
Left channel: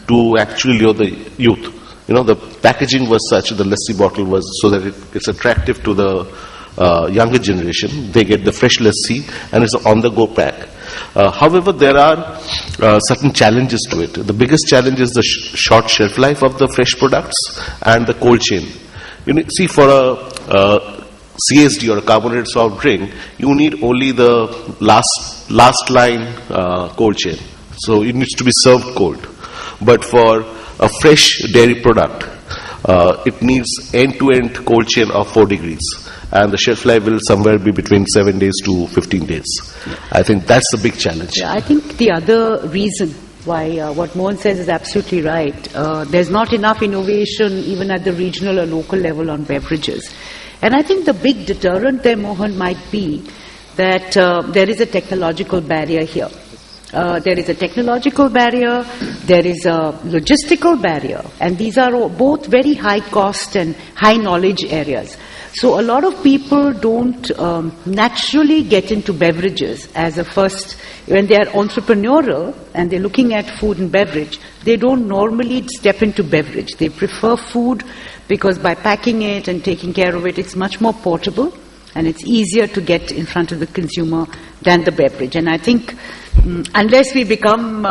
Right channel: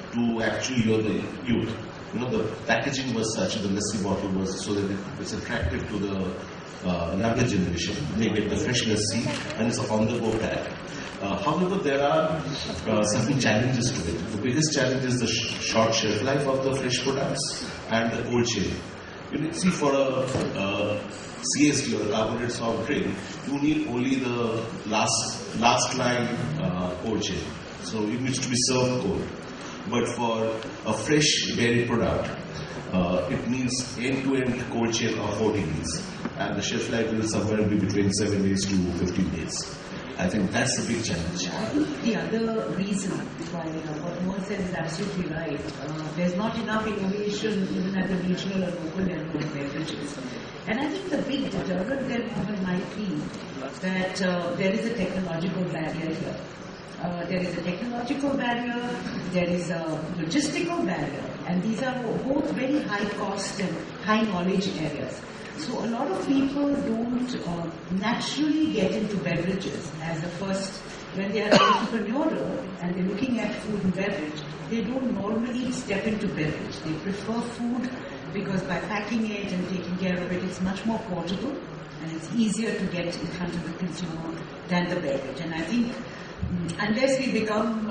to actually lure the youth. The packaging was such, the lassi bottle was so that it's attractive to the younger generation. They get the fresh lassi and it's an on-the-go pack. However, there are certain challenges to it. The biggest challenge is the short shelf life of the fresh products and the cold chain. See, for a CSD or a carbonated soft drink, you need only the last line cold chain. So it needs to be served cold. But for a fresh dairy product, it needs end-to-end cold chain of 4 degrees. And the shelf life will somewhere be between 7 days to 15 days. I think that's the big challenge. Yeah, I think the other reason why what Mohan says is absolutely right. There's not enough innovation even at the regional or local level on beverages. And I think the big deterrent there, Mohan, might be that there is a technological barrier here. There is a technological barrier, there is a logistical barrier, and these are both very high cost and high knowledge areas. So a lot of people don't naturally get into beverages as a first, when they are entrepreneurial and they're looking at food and beverage, they don't normally step into beverage. They prefer food because by packing it and taking care of it, it's much more portable and it's easier to get in front of the consumer than the beverage. And I think unless we become,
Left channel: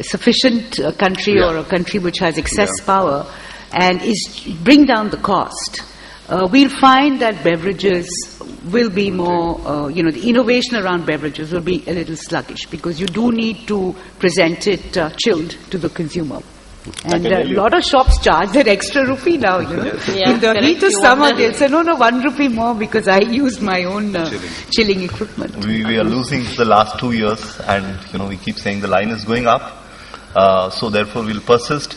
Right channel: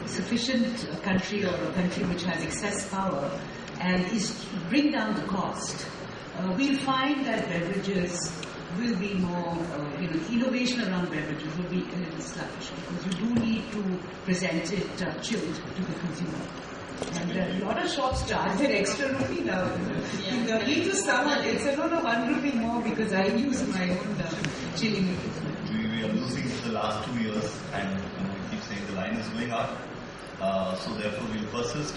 sufficient country or a country which has excess power, and bring down the cost, we'll find that beverages will be more, the innovation around beverages will be a little sluggish because you do need to present it chilled to the consumer. And a lot of shops charge that extra rupee now, Yeah, in the heat of You summer, want they'll say, no, 1 rupee more because I use my own chilling equipment. We are losing the last 2 years, and we keep saying the line is going up. So therefore, we'll persist.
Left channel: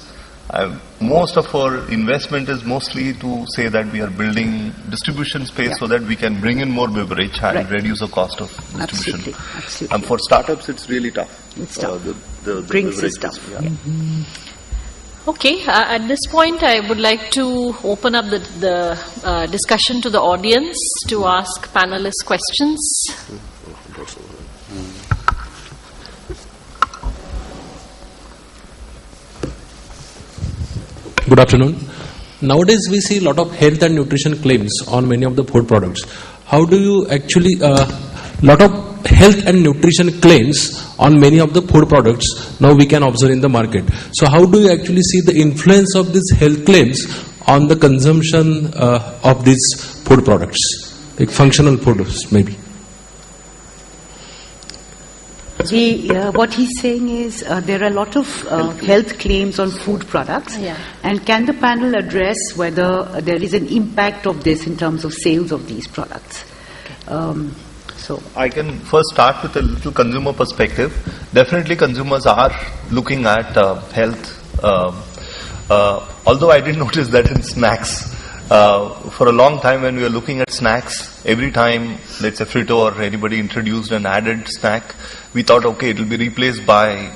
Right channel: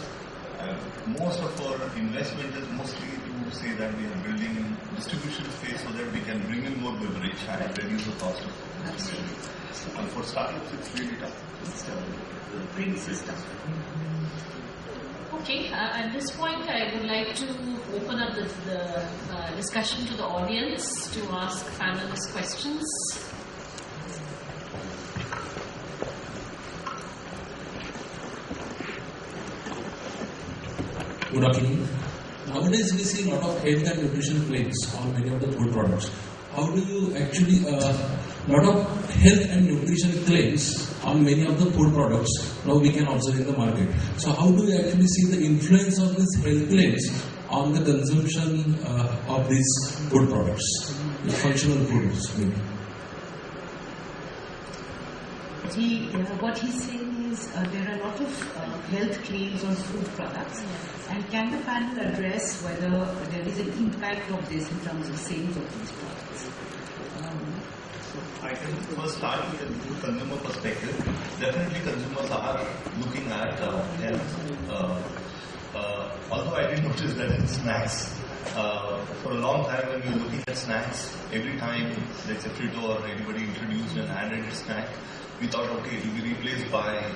Most of our investment is mostly to say that we are building distribution space so that we can bring in more beverage and reduce the cost of distribution. Absolutely. And for startups, it's really tough. It's tough. The Drinks is beverage tough. Yeah. Okay, at this point I would like to open up the discussion to the audience to ask panelists questions. Good afternoon. Nowadays we see a lot of health and nutrition claims on many of the food products. How do you actually lot of health and nutrition claims on many of the food products now we can observe in the market. So how do you actually see the influence of these health claims on the consumption of these food products, like functional foods maybe? What he's saying is there are a lot of health claims on food products, and can the panel address whether there is an impact of this in terms of sales of these products? So I can first start with a little consumer perspective. Definitely consumers are looking at health, although I did notice that in snacks. For a long time when we were looking at snacks, every time, let's say Frito or anybody introduced an added snack, we thought, okay, it will be replaced by,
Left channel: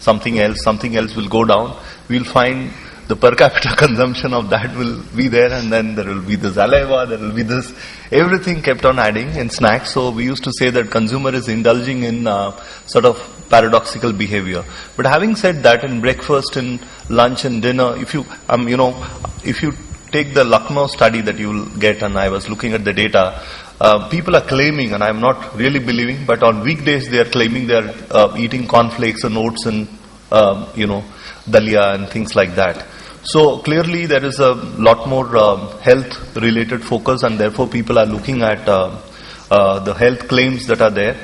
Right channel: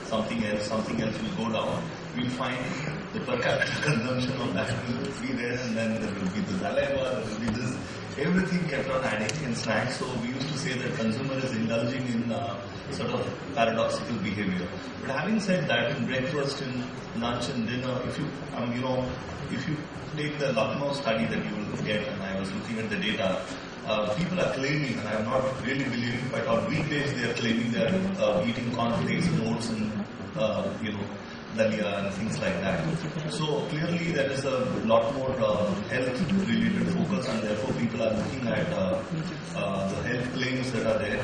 something else will go down. We'll find the per capita consumption of that will be there, and then there will be the saliva, there will be this, everything kept on adding in snacks. So we used to say that consumer is indulging in sort of paradoxical behavior. But having said that, in breakfast, in lunch and dinner, if you take the Lucknow study that you will get, and I was looking at the data, people are claiming, and I'm not really believing, but on weekdays they are claiming they are eating cornflakes and oats and dalia and things like that. So clearly there is a lot more health related focus, and therefore people are looking at the health claims that are there.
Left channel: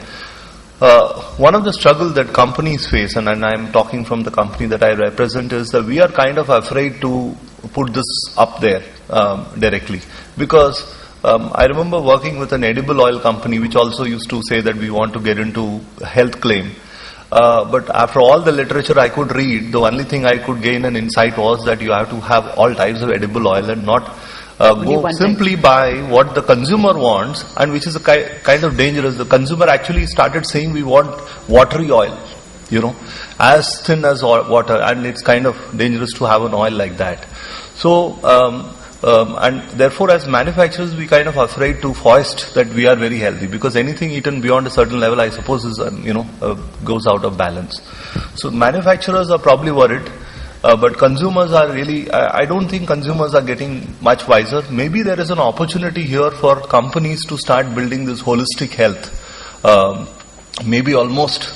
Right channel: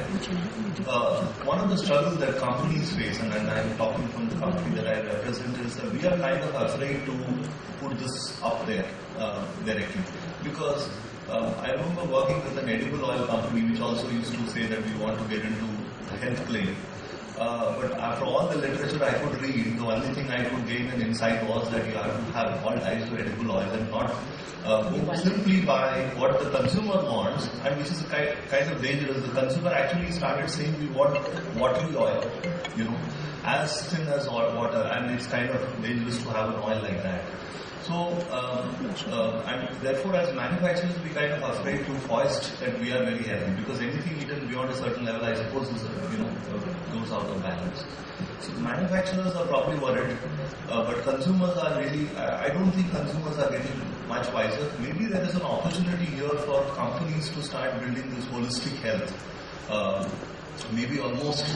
One of the struggles that companies face, and I'm talking from the company that I represent, is that we are kind of afraid to put this up there directly, because I remember working with an edible oil company which also used to say that we want to get into health claim. But after all the literature I could read, the only thing I could gain an insight was that you have to have all types of edible oil and not go simply by what the consumer wants, and which is a kind of dangerous. The consumer actually started saying we want watery oil, as thin as water, and it's kind of dangerous to have an oil like that. So, and therefore as manufacturers we kind of afraid to foist that we are very healthy, because anything eaten beyond a certain level I suppose is goes out of balance. So manufacturers are probably worried, but consumers are really, I don't think consumers are getting much wiser. Maybe there is an opportunity here for companies to start building this holistic health, maybe almost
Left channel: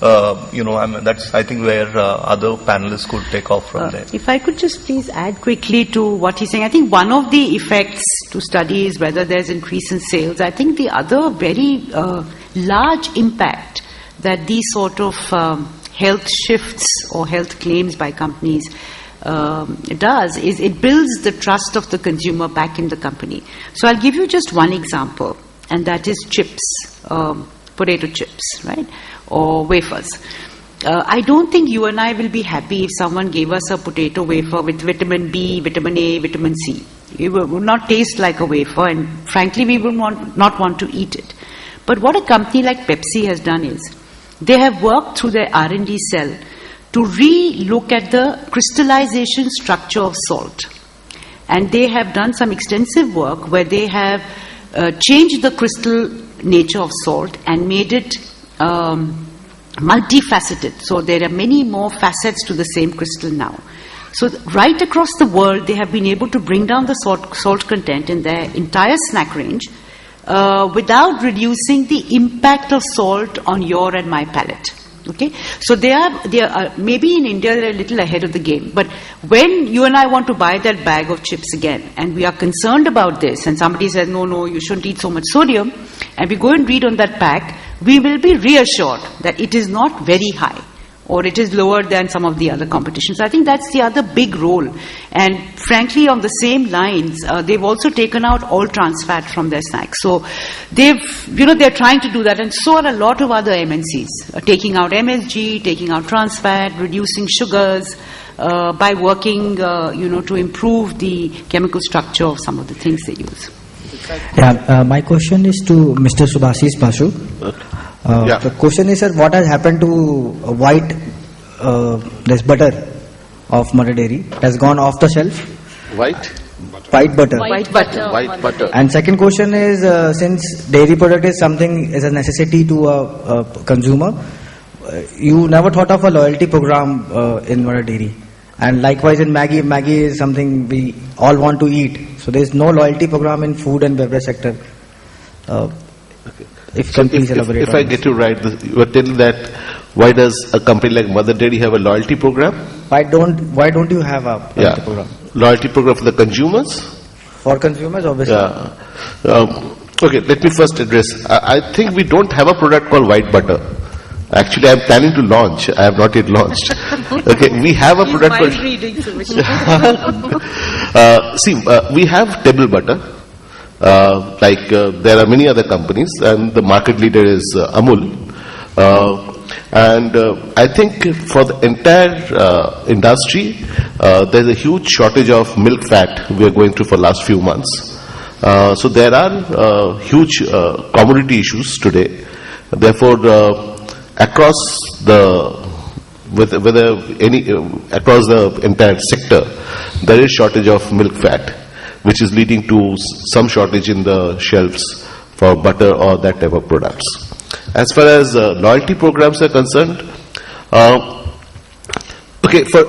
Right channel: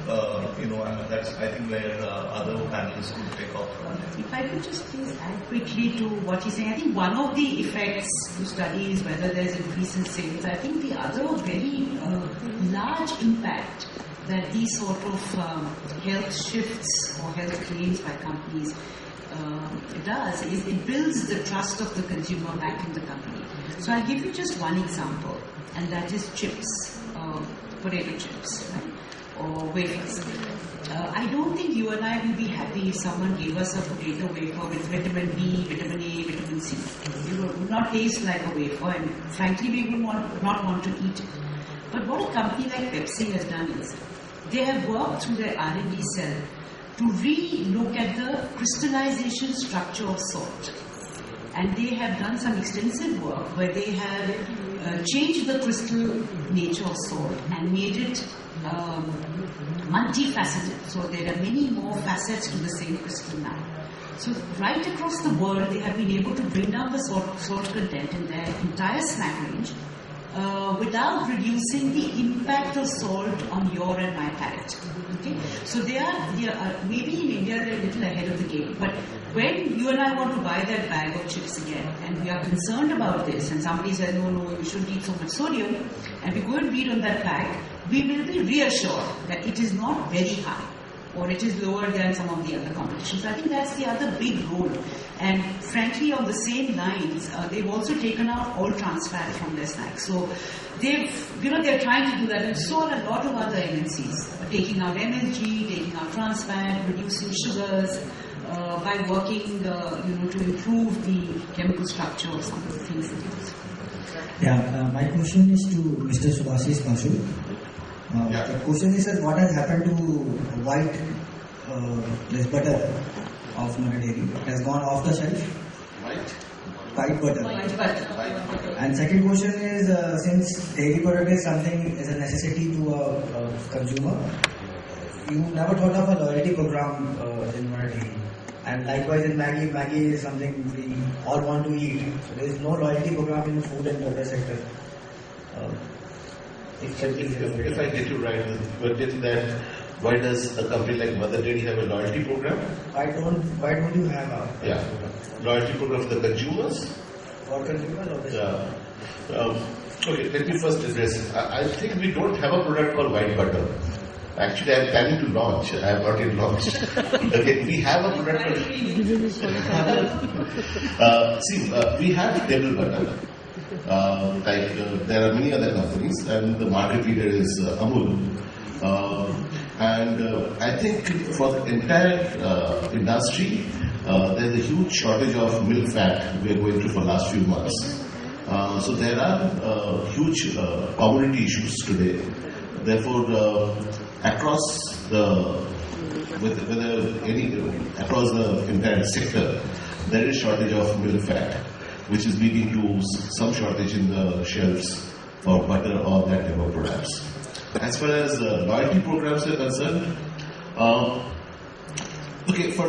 that's I think where other panelists could take off from there. If I could just please add quickly to what he's saying. I think one of the effects to study is whether there's increase in sales. I think the other very large impact that these sort of health shifts or health claims by companies does is it builds the trust of the consumer back in the company. So I'll give you just one example, and that is chips, potato chips, right? Or wafers. I don't think you and I will be happy if someone gave us a potato wafer with vitamin B, vitamin A, vitamin C. It would not taste like a wafer, and frankly we would not want to eat it. But what a company like Pepsi has done is, they have worked through their R&D cell to re-look at the crystallization structure of salt. And they have done some extensive work where they have changed the crystal nature of salt and made it multifaceted. So there are many more facets to the same crystal now. So right across the world, they have been able to bring down the salt content in their entire snack range without reducing the impact of salt on your and my palate. Okay, so they are maybe in India they're a little ahead of the game. But when you and I want to buy that bag of chips again, and we are concerned about this, and somebody says no, you shouldn't eat so much sodium, and we go and read on that pack, we will be reassured that it is not very high, or it is lower than some of the other competitions. I think that's the other big role. And frankly, on the same lines, they've also taken out all trans fat from their snacks. So they're trying to do that, and so are a lot of other MNCs, taking out MSG, taking out trans fat, reducing sugars, by working, to improve the chemical structure of some of the things they use. My question is to Mr. Subhasis Basu. The question is, sir, what has happened to white this butter of Mother Dairy? It has gone off the shelf. White butter. White butter. And second question is, since dairy product is something is a necessity to a consumer, you never thought of a loyalty program in Mother Dairy. And likewise in Maggi is something we all want to eat. So there is no loyalty program in food and beverage sector. If you can please elaborate. If I get you right, you are telling that why does a company like Mother Dairy have a loyalty program? Why don't you have a loyalty program? Loyalty program for the consumers? For consumers, obviously. Okay, let me first address. I think we don't have a product called white butter. Actually, I am planning to launch. I have not yet launched. Okay, we have a product called... we have table butter. There are many other companies, and the market leader is Amul. I think for the entire industry, there's a huge shortage of milk fat we are going through for last few months. So there are huge commodity issues today. Therefore, across the entire sector, there is shortage of milk fat, which is leading to some shortage in the shelves for butter or that type of products. As far as loyalty programs are concerned, for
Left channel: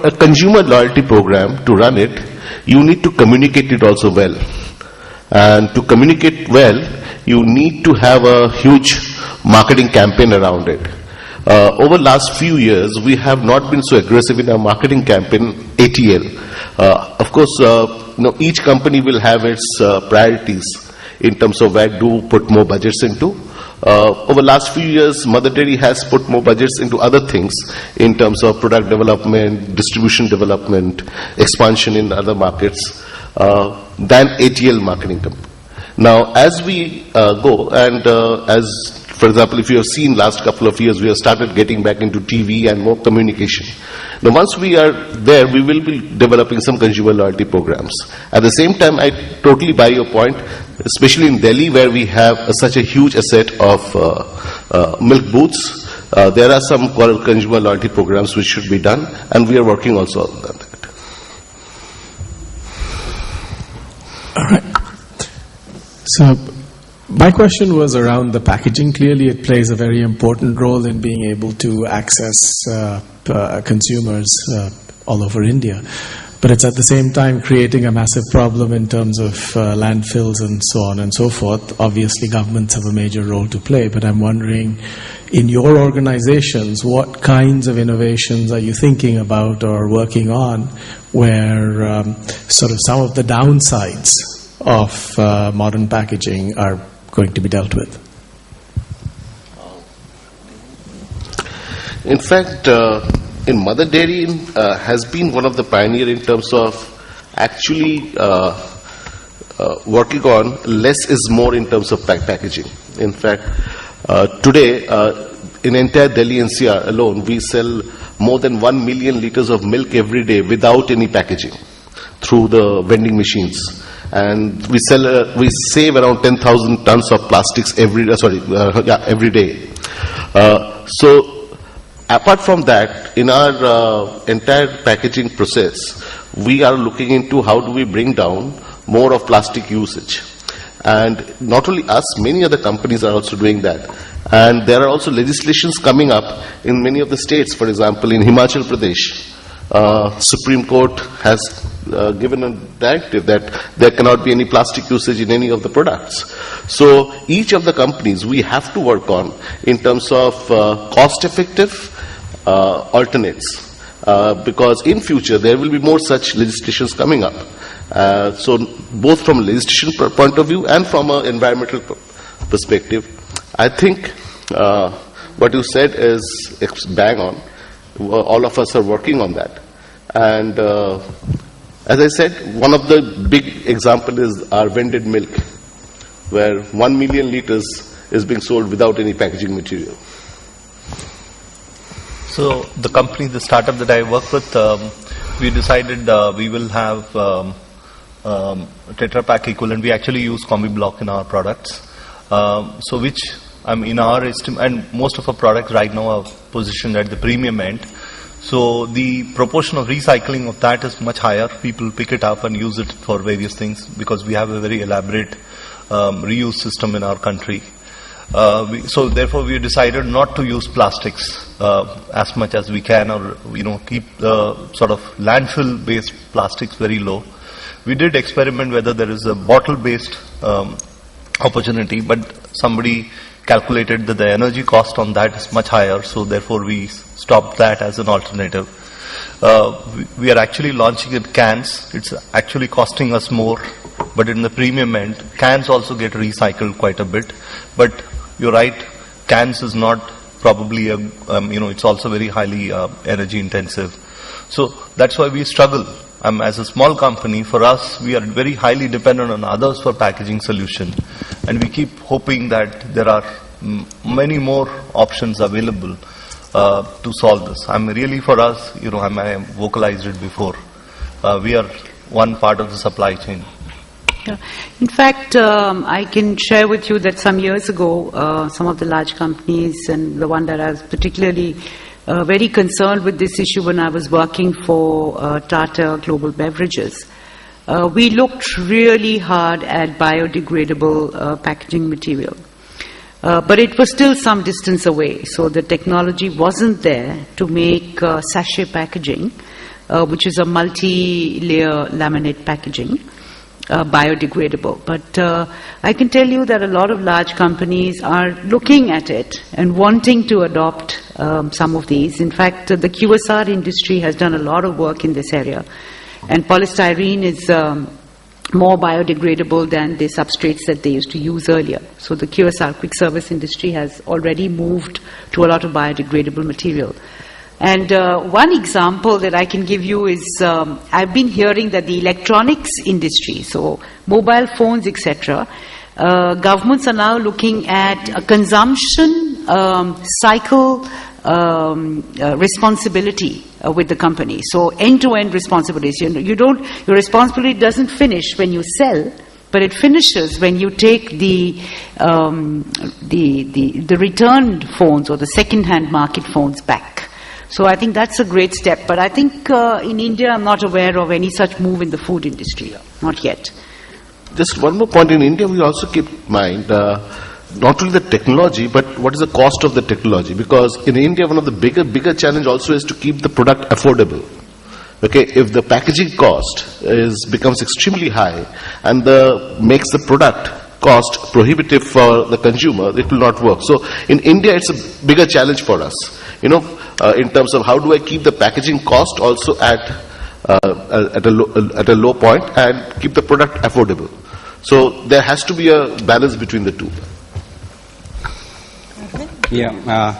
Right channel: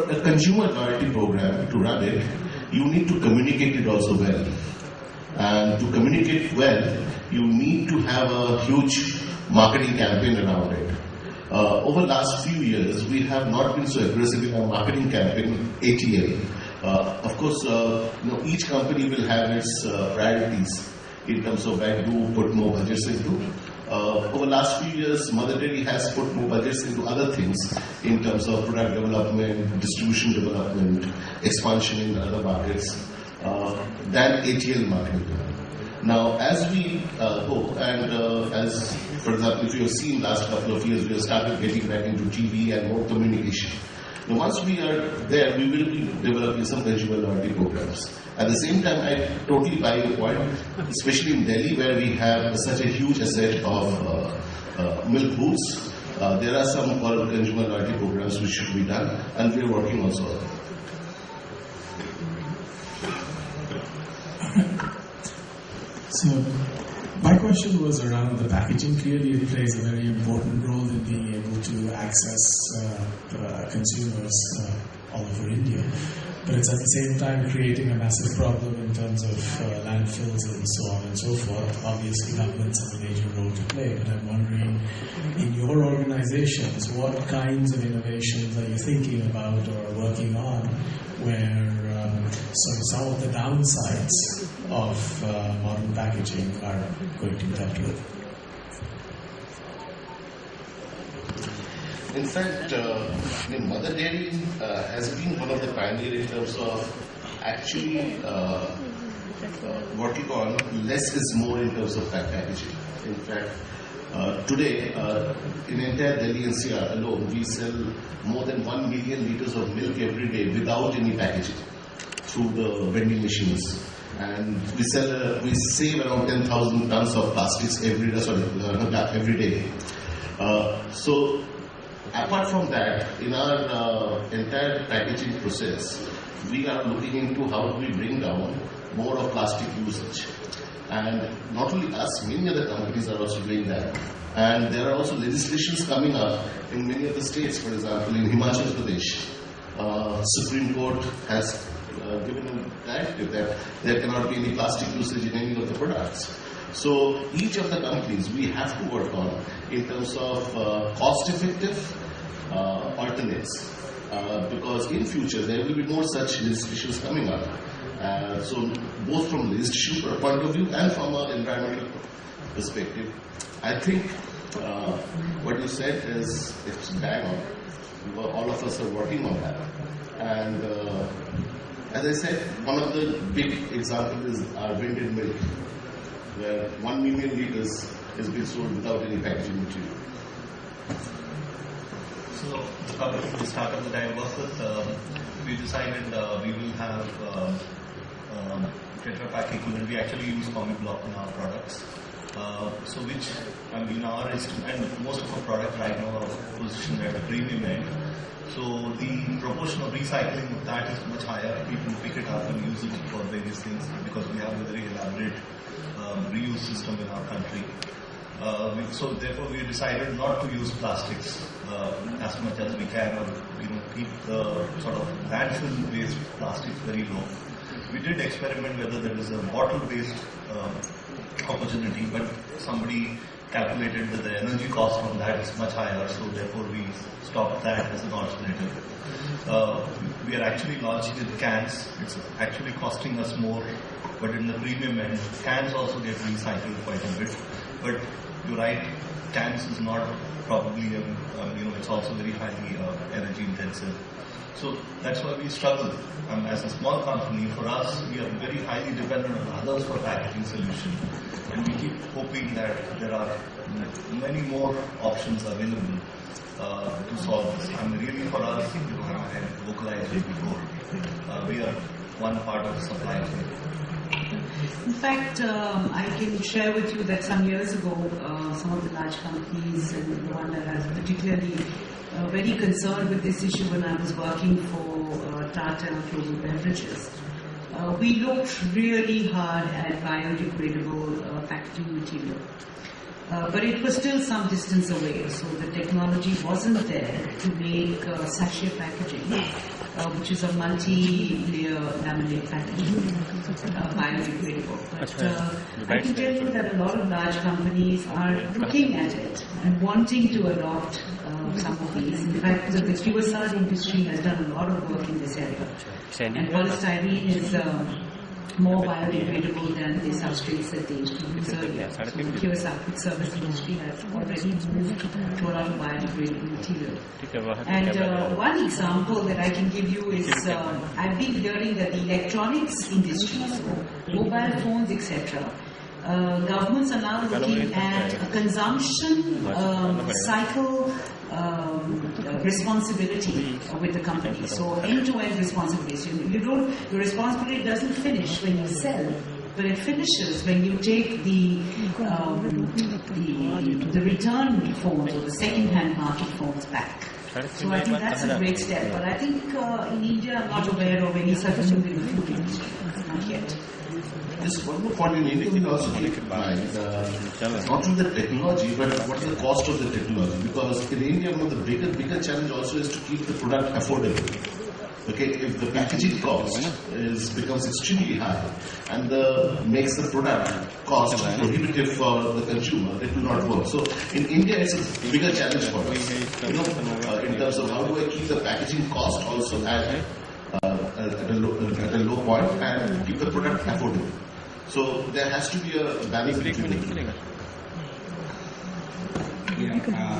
a consumer loyalty program to run it, you need to communicate it also well. And to communicate well, you need to have a huge marketing campaign around it. Over last few years, we have not been so aggressive in our marketing campaign, ATL. Of course, each company will have its priorities in terms of where to put more budgets into. Over last few years, Mother Dairy has put more budgets into other things in terms of product development, distribution development, expansion in other markets than ATL marketing. Now, as we go and for example, if you have seen last couple of years, we have started getting back into TV and more communication. Now, once we are there, we will be developing some consumer loyalty programs. At the same time, I totally buy your point, especially in Delhi, where we have such a huge asset of milk booths. There are some consumer loyalty programs which should be done, and we are working also on that. All right. So, my question was around the packaging. Clearly, it plays a very important role in being able to access consumers all over India. But it's at the same time creating a massive problem in terms of landfills and so on and so forth. Obviously, governments have a major role to play, but I'm wondering, in your organizations, what kinds of innovations are you thinking about or working on where sort of some of the downsides of modern packaging are going to be dealt with? In fact, in Mother Dairy has been one of the pioneers in terms of actually working on less is more in terms of packaging. In fact, today in entire Delhi NCR alone, we sell more than 1 million liters of milk every day without any packaging through the vending machines. And we save around 10,000 tons of plastics every day. So apart from that, in our entire packaging process, we are looking into how do we bring down more of plastic usage. And not only us, many other companies are also doing that. And there are also legislations coming up in many of the states. For example, in Himachal Pradesh, Supreme Court has given a directive that there cannot be any plastic usage in any of the products. So each of the companies we have to work on in terms of cost-effective alternates, because in future there will be more such legislations coming up. So both from a legislation point of view and from an environmental perspective, I think what you said is bang on. All of us are working on that. And as I said, one of the big example is our vended milk, where 1 million liters is being sold without any packaging material. So the company, the startup that I work with, we decided we will have Tetra Pak equivalent. We actually use Combi Block in our products. So which, in our estimate, and most of our products right now are positioned at the premium end. So the proportion of recycling of that is much higher. People pick it up and use it for various things because we have a very elaborate reuse system in our country. So therefore we decided not to use plastics as much as we can, or keep the sort of landfill-based plastics very low. We did experiment whether there is a bottle-based opportunity, but somebody calculated that the energy cost on that is much higher, so therefore we stopped that as an alternative. We are actually launching it cans. It's actually costing us more, but in the premium end, cans also get recycled quite a bit. But you're right, cans is not probably it's also very highly energy intensive. So that's why we struggle. As a small company, for us, we are very highly dependent on others for packaging solution, and we keep hoping that there are many more options available to solve this. For us, I vocalized it before. We are one part of the supply chain. Yeah. In fact, I can share with you that some years ago, some of the large companies, and the one that I was particularly very concerned with this issue when I was working for Tata Global Beverages, we looked really hard at biodegradable packaging material. But it was still some distance away, so the technology wasn't there to make sachet packaging, which is a multi-layer laminate packaging, biodegradable. But I can tell you that a lot of large companies are looking at it and wanting to adopt some of these. In fact, the QSR industry has done a lot of work in this area, and polystyrene is more biodegradable than the substrates that they used to use earlier. So the QSR, quick service industry, has already moved to a lot of biodegradable material. And one example that I can give you is, I've been hearing that the electronics industry, so mobile phones, etc., governments are now looking at a consumption cycle responsibility with the company. So end-to-end responsibilities. Your responsibility doesn't finish when you sell, but it finishes when you take the returned phones or the second-hand market phones back. So I think that's a great step. But I think in India, I'm not aware of any such move in the food industry. Not yet. Just one more point. In India, we also keep in mind not only the technology, but what is the cost of the technology? Because in India, one of the bigger challenge also is to keep the product affordable. Okay, if the packaging cost becomes extremely high and makes the product cost prohibitive for the consumer, it will not work. So in India, it's a bigger challenge for us. In terms of how do I keep the packaging cost also at a low point and keep the product affordable. So there has to be a balance between the two. Yeah,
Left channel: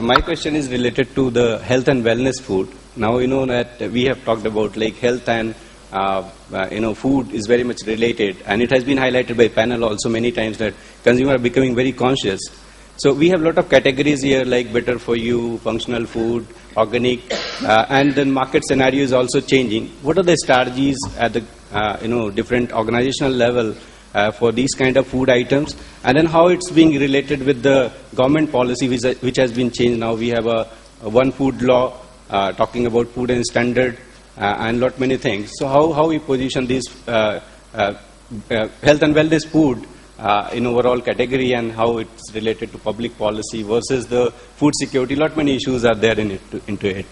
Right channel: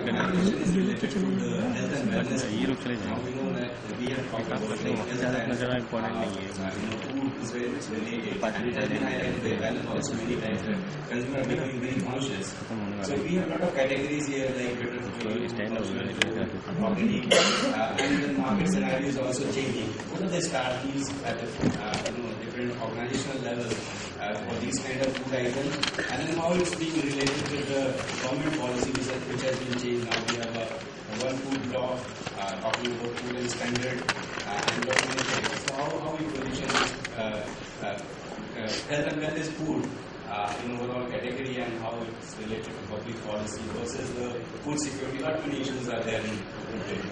my question is related to the health and wellness food. Now that we have talked about like health and food is very much related, and it has been highlighted by panel also many times that consumers are becoming very conscious. So we have a lot of categories here like better for you, functional food, organic, and the market scenario is also changing. What are the strategies at the different organizational level for these kind of food items, and then how it's being related with the government policy which has been changed? Now we have a one food law talking about food and standard and lot many things. So how we position this health and wellness food in overall category, and how it's related to public policy versus the food security? Lot many issues are there into it.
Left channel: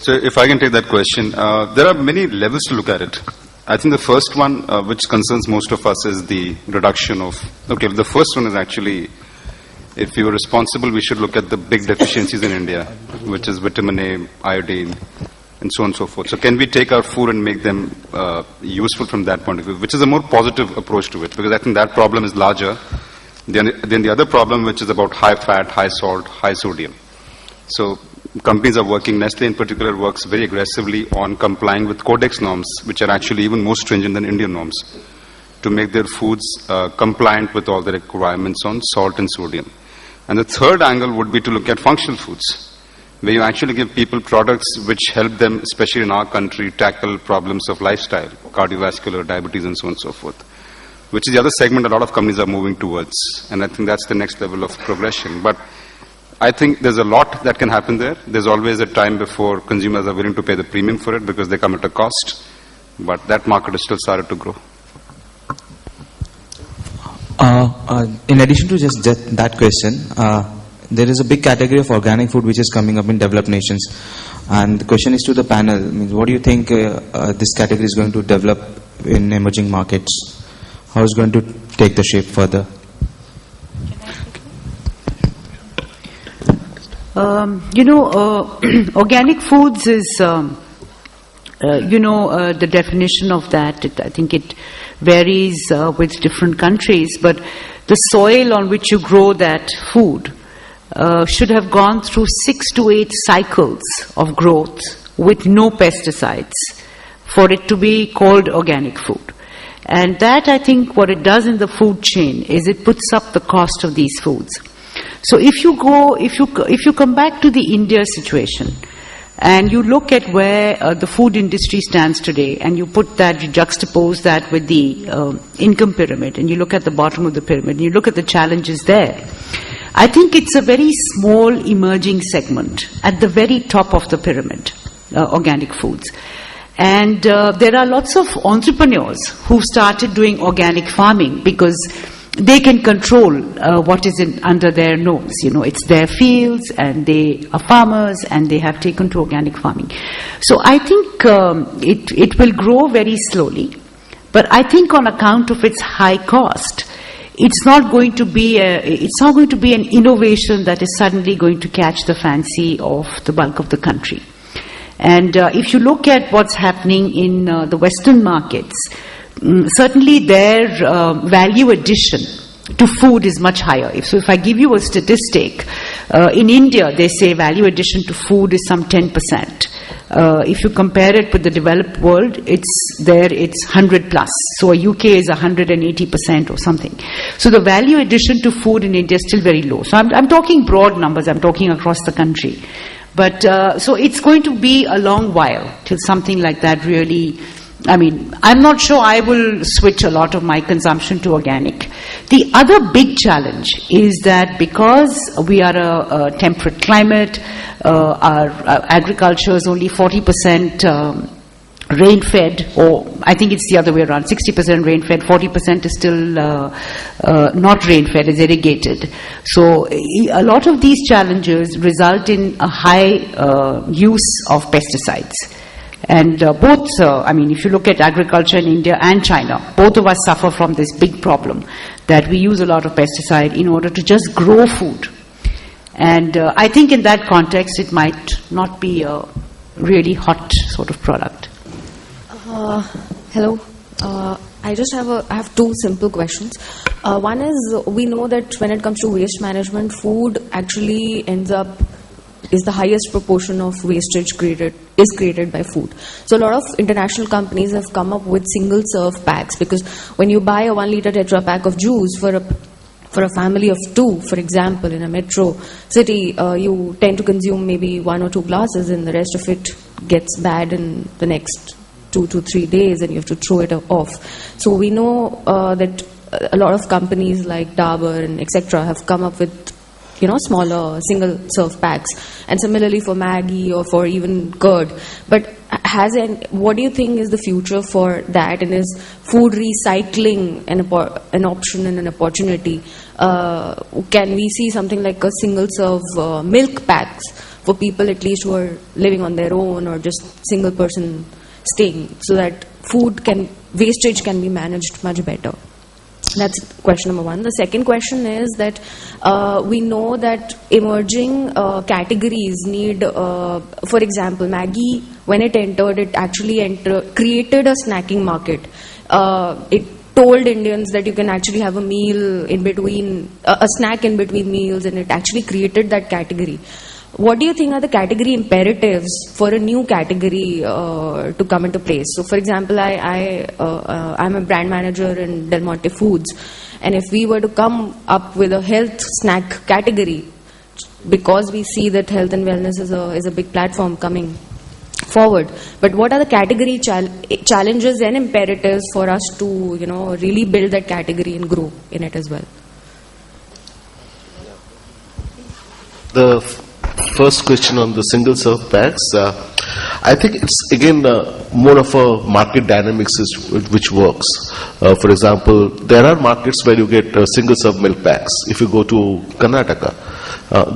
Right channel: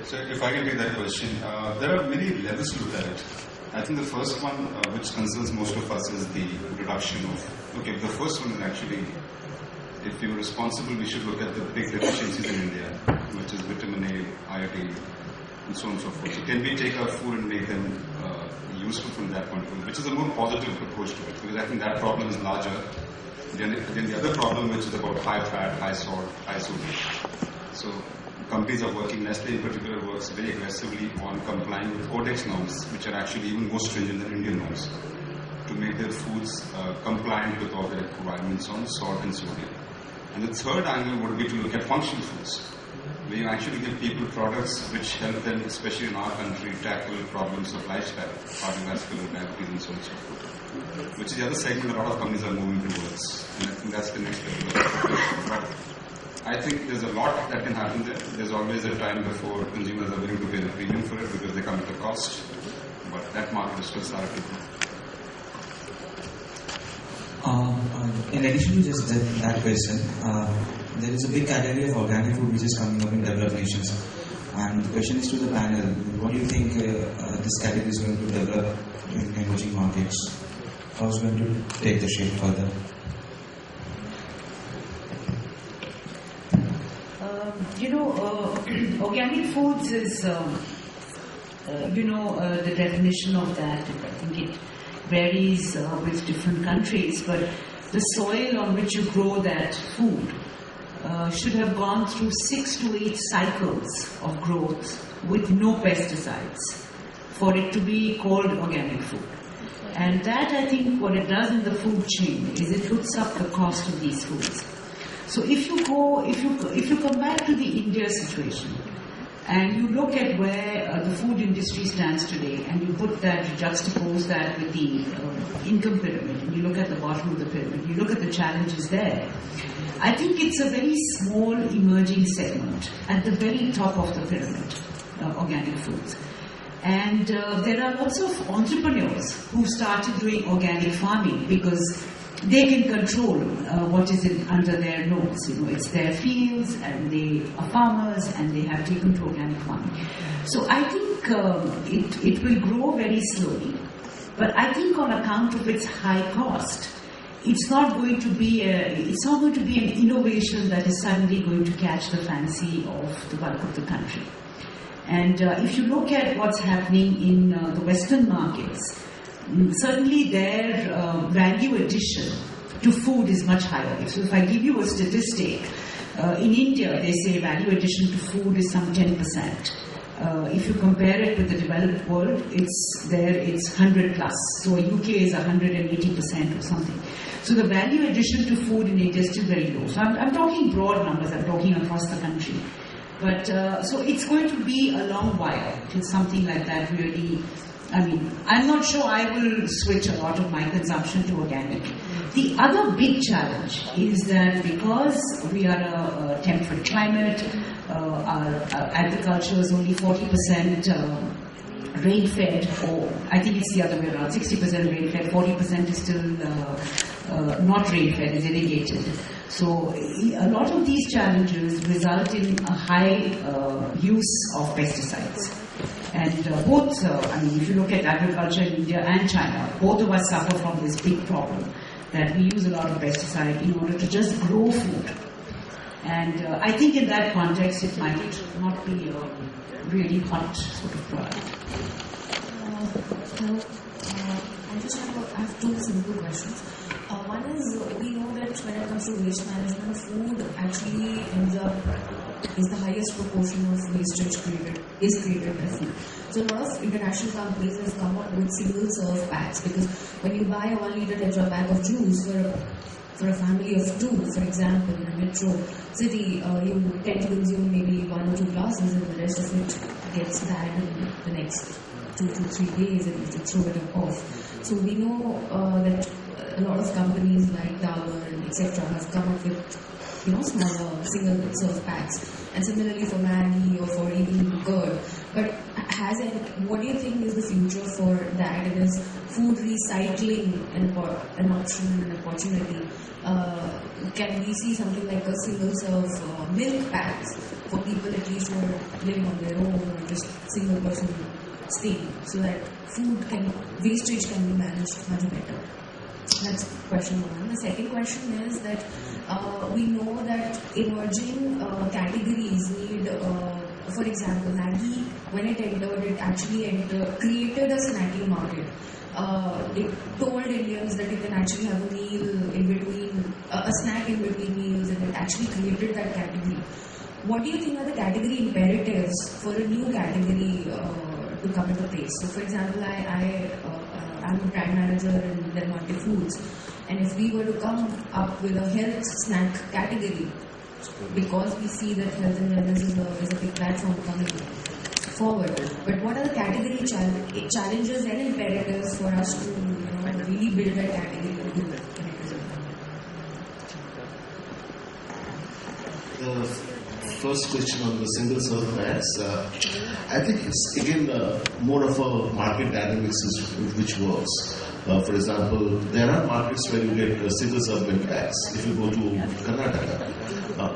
So if I can take that question, there are many levels to look at it. I think the first one, which concerns most of us, is the reduction of... Okay, the first one is actually, if you are responsible, we should look at the big deficiencies in India, which is vitamin A, iodine, and so on and so forth. So can we take our food and make them useful from that point of view, which is a more positive approach to it, because I think that problem is larger than the other problem, which is about high fat, high salt, high sodium. So companies are working, Nestle in particular works very aggressively on complying with Codex norms, which are actually even more stringent than Indian norms, to make their foods compliant with all the requirements on salt and sodium. And the third angle would be to look at functional foods, where you actually give people products which help them, especially in our country, tackle problems of lifestyle, cardiovascular, diabetes, and so on and so forth, which is the other segment a lot of companies are moving towards. And I think that's the next level of progression. But I think there's a lot that can happen there. There's always a time before consumers are willing to pay the premium for it because they come at a cost. But that market has still started to grow. In addition to just that question, there is a big category of organic food which is coming up in developed nations. And the question is to the panel, what do you think this category is going to develop in emerging markets? how it's going to take the shape further? Organic foods is, the definition of that. I think it varies with different countries, but the soil on which you grow that food should have gone through 6 to 8 cycles of growth with no pesticides for it to be called organic food. And that, I think, what it does in the food chain is it puts up the cost of these foods. So if you come back to the India situation and you look at where the food industry stands today, and you juxtapose that with the income pyramid, and you look at the bottom of the pyramid, and you look at the challenges there, I think it's a very small emerging segment at the very top of the pyramid, organic foods. And there are lots of entrepreneurs who started doing organic farming because they can control what is under their nose. It's their fields, and they are farmers, and they have taken to organic farming. So I think it will grow very slowly, but I think on account of its high cost, it's not going to be an innovation that is suddenly going to catch the fancy of the bulk of the country. And if you look at what's happening in the Western markets, certainly their value addition to food is much higher. So if I give you a statistic, in India they say value addition to food is some 10%. If you compare it with the developed world, it's 100 plus. So UK is 180% or something. So the value addition to food in India is still very low. So I'm talking broad numbers, I'm talking across the country. But so it's going to be a long while till something like that really, I'm not sure I will switch a lot of my consumption to organic. The other big challenge is that because we are a temperate climate, our agriculture is only 40% rain-fed, or I think it's the other way around, 60% rain-fed, 40% is still not rain-fed, it's irrigated. So a lot of these challenges result in a high use of pesticides. And if you look at agriculture in India and China, both of us suffer from this big problem that we use a lot of pesticide in order to just grow food. And I think in that context, it might not be a really hot sort of product. Hello. I have two simple questions. One is, we know that when it comes to waste management, food actually is the highest proportion of wastage created by food. So a lot of international companies have come up with single serve packs, because when you buy a 1 liter Tetra pack of juice for a family of 2, for example, in a metro city, you tend to consume maybe 1 or 2 glasses, and the rest of it gets bad in the next 2 to 3 days, and you have to throw it off. So we know that a lot of companies like Dabur and etc. have come up with smaller single serve packs, and similarly for Maggi or for even curd. But what do you think is the future for that, and is food recycling an option and an opportunity? Can we see something like a single serve milk packs for people at least who are living on their own, or just single person staying, so that wastage can be managed much better? That's question number one. The second question is that we know that emerging categories need, for example, Maggi, when it entered, it actually created a snacking market. It told Indians that you can actually have a meal in between, a snack in between meals, and it actually created that category. What do you think are the category imperatives for a new category to come into place? So, for example, I'm a brand manager in Del Monte Foods, and if we were to come up with a health snack category, because we see that health and wellness is a big platform coming forward, but what are the category challenges and imperatives for us to really build that category and grow in it as well? The first question on the single serve packs, I think it's again more of a market dynamics which works. For example, there are markets where you get single serve milk packs. If you go to Karnataka,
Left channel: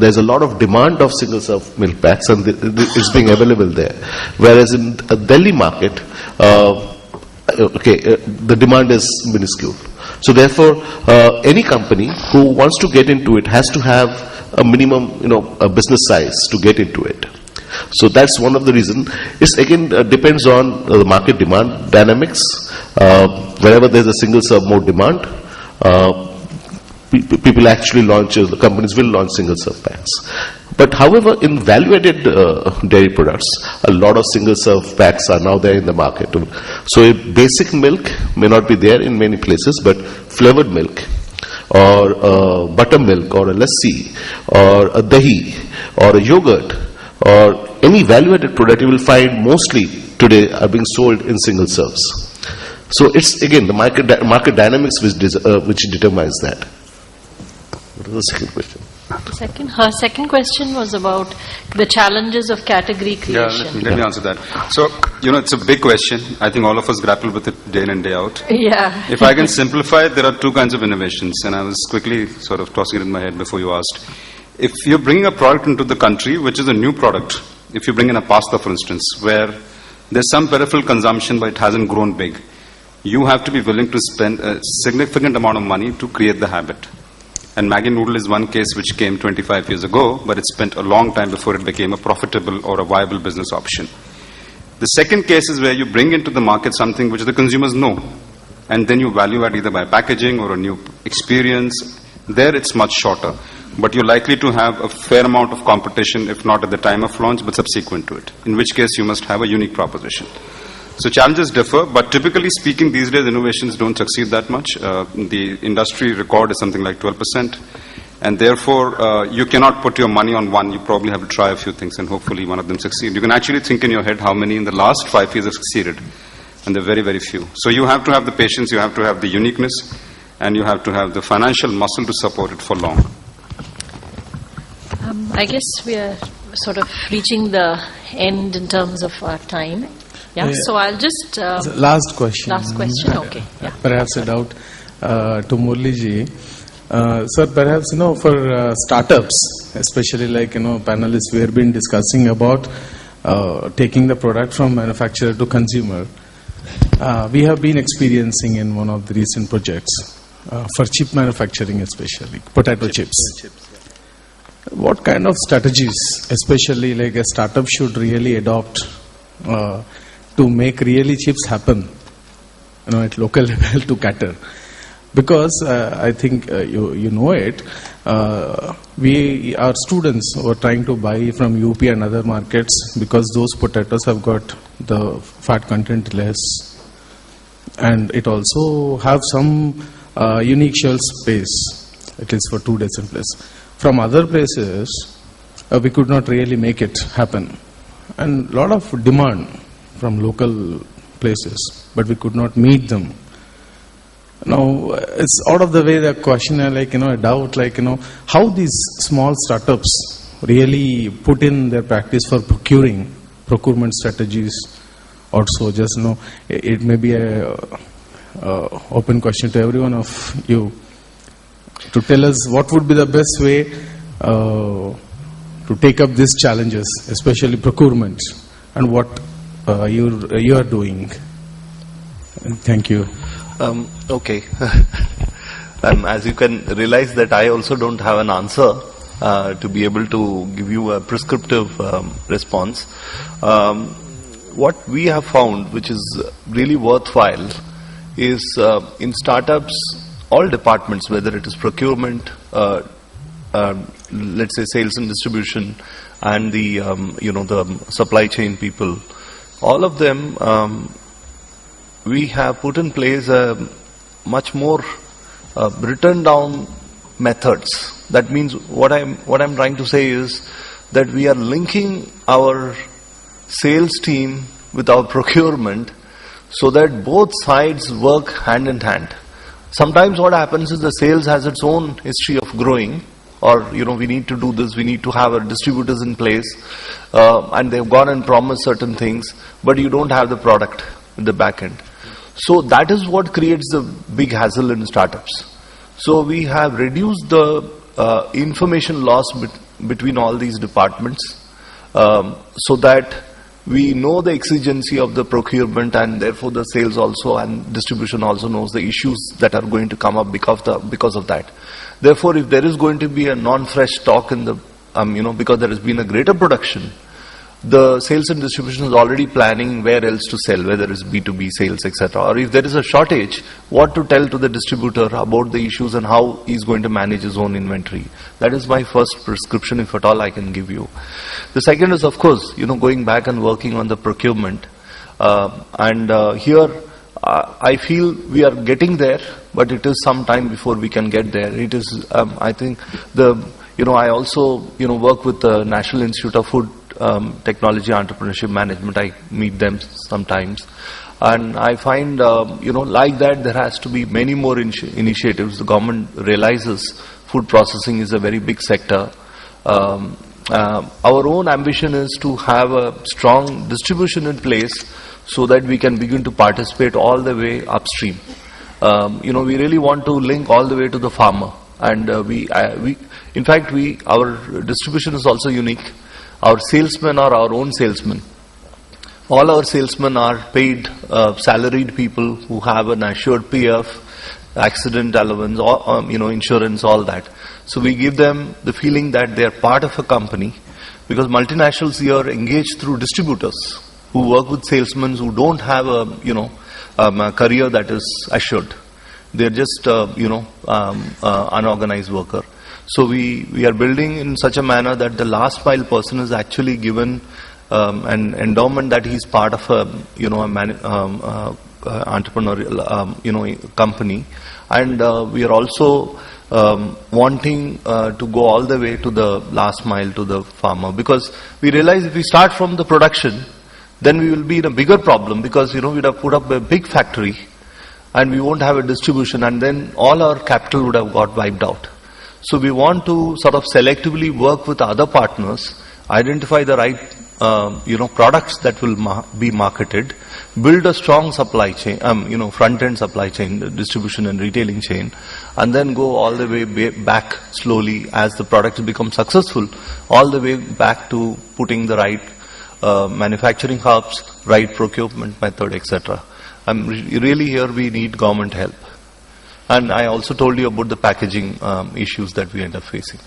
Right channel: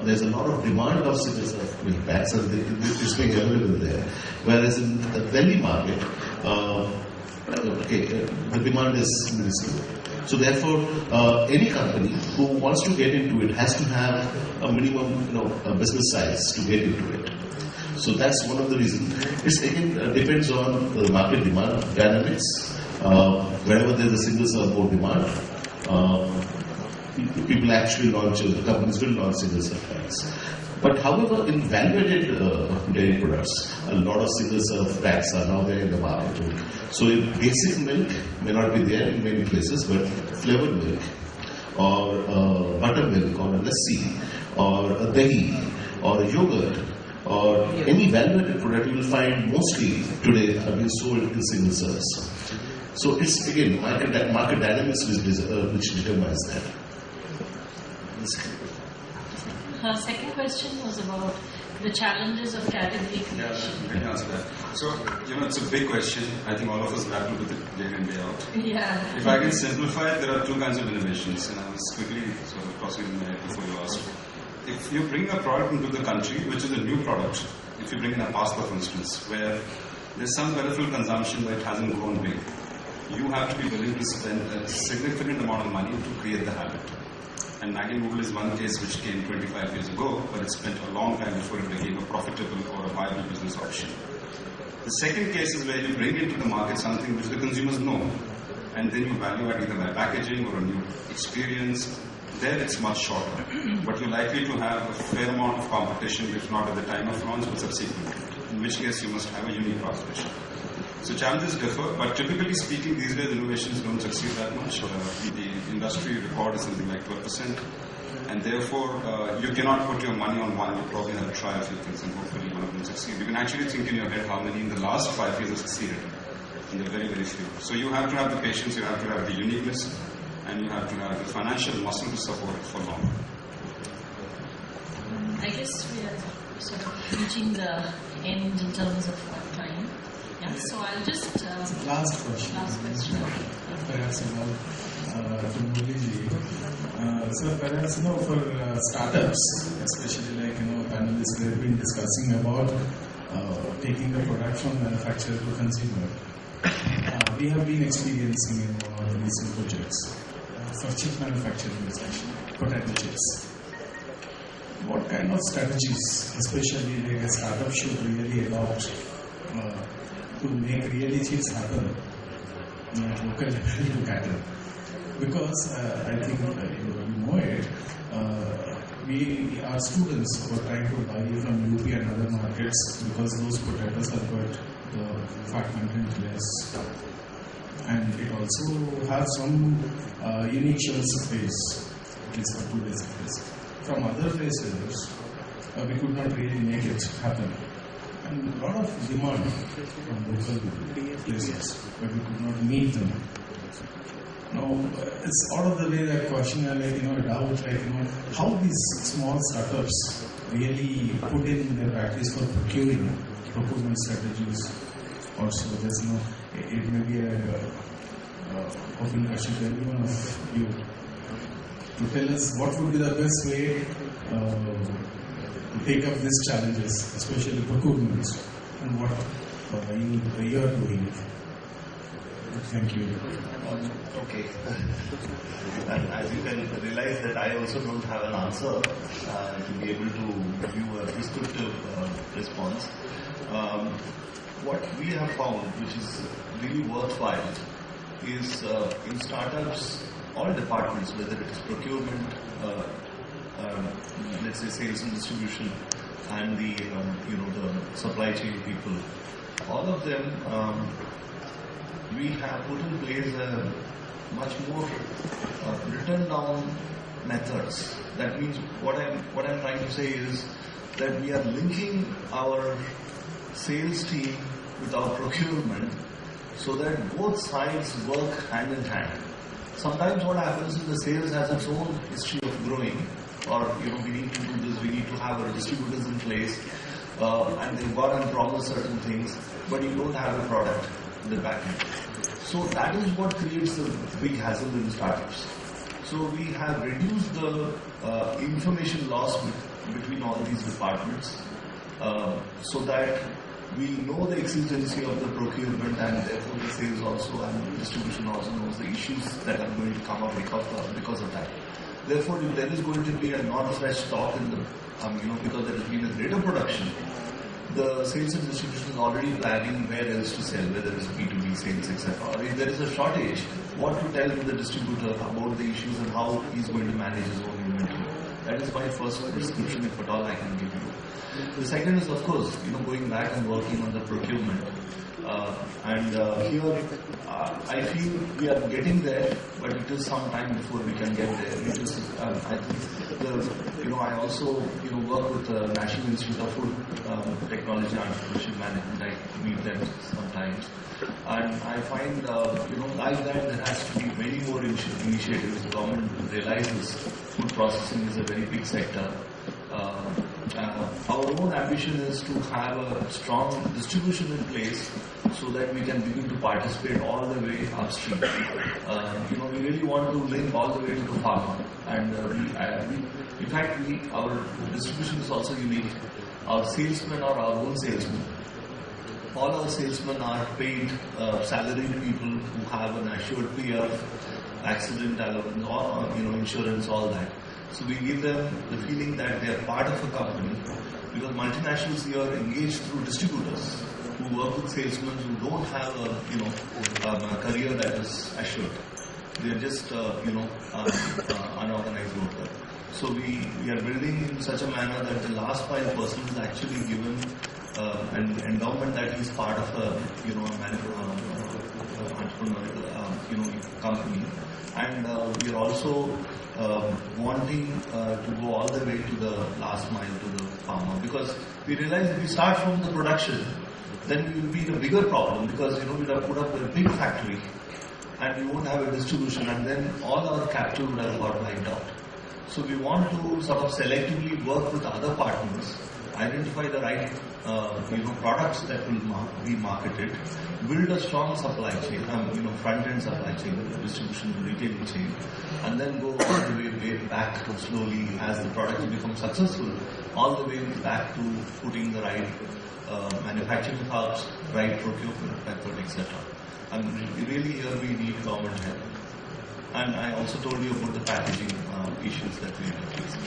there's a lot of demand of single serve milk packs, and it's being available there. Whereas in the Delhi market, the demand is minuscule. So therefore, any company who wants to get into it has to have a minimum, a business size to get into it. So that's one of the reasons. It's again depends on the market demand dynamics. Wherever there's a single serve mode demand, people actually launch, the companies will launch single serve packs. But however, in value-added dairy products, a lot of single-serve packs are now there in the market. So a basic milk may not be there in many places, but flavored milk, or buttermilk, or a lassi, or a dahi, or a yogurt, or any value-added product you will find mostly today are being sold in single serves. So it's again the market dynamics which determines that. What was the second question? Her second question was about the challenges of category creation. Yeah, let me answer that. So, it's a big question. I think all of us grapple with it day in and day out. Yeah. If I can simplify it, there are two kinds of innovations, and I was quickly sort of tossing it in my head before you asked. If you're bringing a product into the country, which is a new product, if you bring in a pasta, for instance, where there's some peripheral consumption but it hasn't grown big, you have to be willing to spend a significant amount of money to create the habit. And Maggi noodle is one case which came 25 years ago, but it spent a long time before it became a profitable or a viable business option. The second case is where you bring into the market something which the consumers know, and then you value add either by packaging or a new experience. There it's much shorter, but you're likely to have a fair amount of competition, if not at the time of launch, but subsequent to it, in which case you must have a unique proposition. So challenges differ, but typically speaking, these days innovations don't succeed that much. The industry record is something like 12%, and therefore you cannot put your money on one. You probably have to try a few things, and hopefully one of them succeed. You can actually think in your head how many in the last 5 years have succeeded, and they're very, very few. So you have to have the patience, you have to have the uniqueness, and you have to have the financial muscle to support it for long. I guess we are sort of reaching the end in terms of our time. Yeah, so I'll just... last question. Last question, okay. Yeah. Perhaps a doubt to Murli ji. Sir, perhaps, for startups, especially like, panelists, we have been discussing about taking the product from manufacturer to consumer. We have been experiencing in one of the recent projects for chip manufacturing, especially potato chips. What kind of strategies, especially like a startup, should really adopt to make really chips happen, at local level to cater? Because I think you know it, our students were trying to buy from UP and other markets because those potatoes have got the fat content less, and it also have some unique shelf space, at least for 2 days in place. From other places, we could not really make it happen, and a lot of demand from local places, but we could not meet them. Now, it's out of the way the question, a doubt, how these small startups really put in their practice for procurement strategies. Also, just it may be a open question to every one of you to tell us what would be the best way to take up these challenges, especially procurement, and what you are doing. Thank you. Okay. As you can realize that I also don't have an answer to be able to give you a prescriptive response. What we have found, which is really worthwhile, is in startups, all departments, whether it is procurement, let's say sales and distribution, and the the supply chain people, all of them, we have put in place a much more written down methods. That means what I'm trying to say is that we are linking our sales team with our procurement so that both sides work hand in hand. Sometimes what happens is the sales has its own history of growing, or we need to do this, we need to have our distributors in place, and they've gone and promised certain things, but you don't have the product at the back end. So that is what creates the big hassle in startups. So we have reduced the information loss between all these departments, so that we know the exigency of the procurement, and therefore the sales also and distribution also knows the issues that are going to come up because of that. Therefore, if there is going to be a non-fresh stock in the, because there has been a greater production, the sales and distribution is already planning where else to sell, whether it's B2B sales, etc. Or if there is a shortage, what to tell to the distributor about the issues and how he's going to manage his own inventory. That is my first prescription, if at all I can give you. The second is, of course, going back and working on the procurement. Here, I feel we are getting there, but it is some time before we can get there. It is, I think, I also, work with the National Institute of Food Technology Entrepreneurship Management. I meet them sometimes. And I find, like that, there has to be many more initiatives. The government realizes food processing is a very big sector. Our own ambition is to have a strong distribution in place so that we can begin to participate all the way upstream. We really want to link all the way to the farmer. And in fact, our distribution is also unique. Our salesmen are our own salesmen. All our salesmen are paid salaried people who have an assured PF, accident allowance, or, insurance, all that. So we give them the feeling that they are part of a company, because multinationals here engage through distributors who work with salesmen who don't have a career that is assured. They're just unorganized worker. So we are building in such a manner that the last mile person is actually given an endowment that he's part of a entrepreneurial company, and we are also wanting to go all the way to the last mile to the farmer, because we realize if we start from the production, then we will be in a bigger problem, because we'd have put up a big factory and we won't have a distribution, and then all our capital would have got wiped out. So we want to sort of selectively work with other partners, identify the right products that will be marketed, build a strong supply chain, front-end supply chain, distribution and retailing chain, and then go all the way back slowly as the products become successful, all the way back to putting the right manufacturing hubs, right procurement method, etc. Really here we need government help. And I also told you about the packaging issues that we end up facing.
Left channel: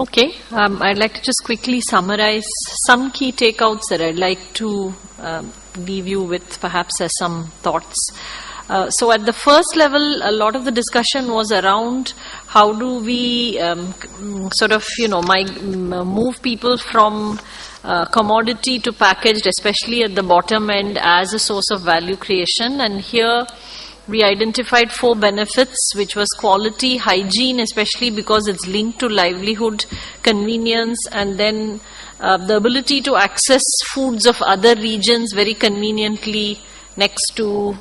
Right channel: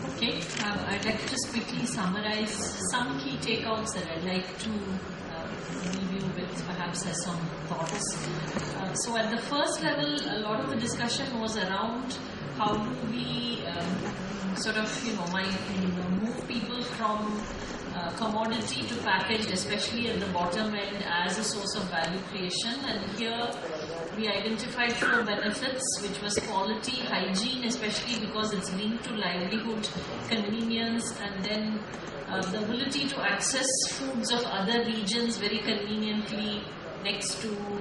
Okay, I'd like to just quickly summarize some key takeouts that I'd like to leave you with, perhaps as some thoughts. So at the first level, a lot of the discussion was around how do we move people from commodity to packaged, especially at the bottom end, as a source of value creation. And here we identified 4 benefits, which was quality, hygiene, especially because it's linked to livelihood, convenience, and then the ability to access foods of other regions very conveniently next to,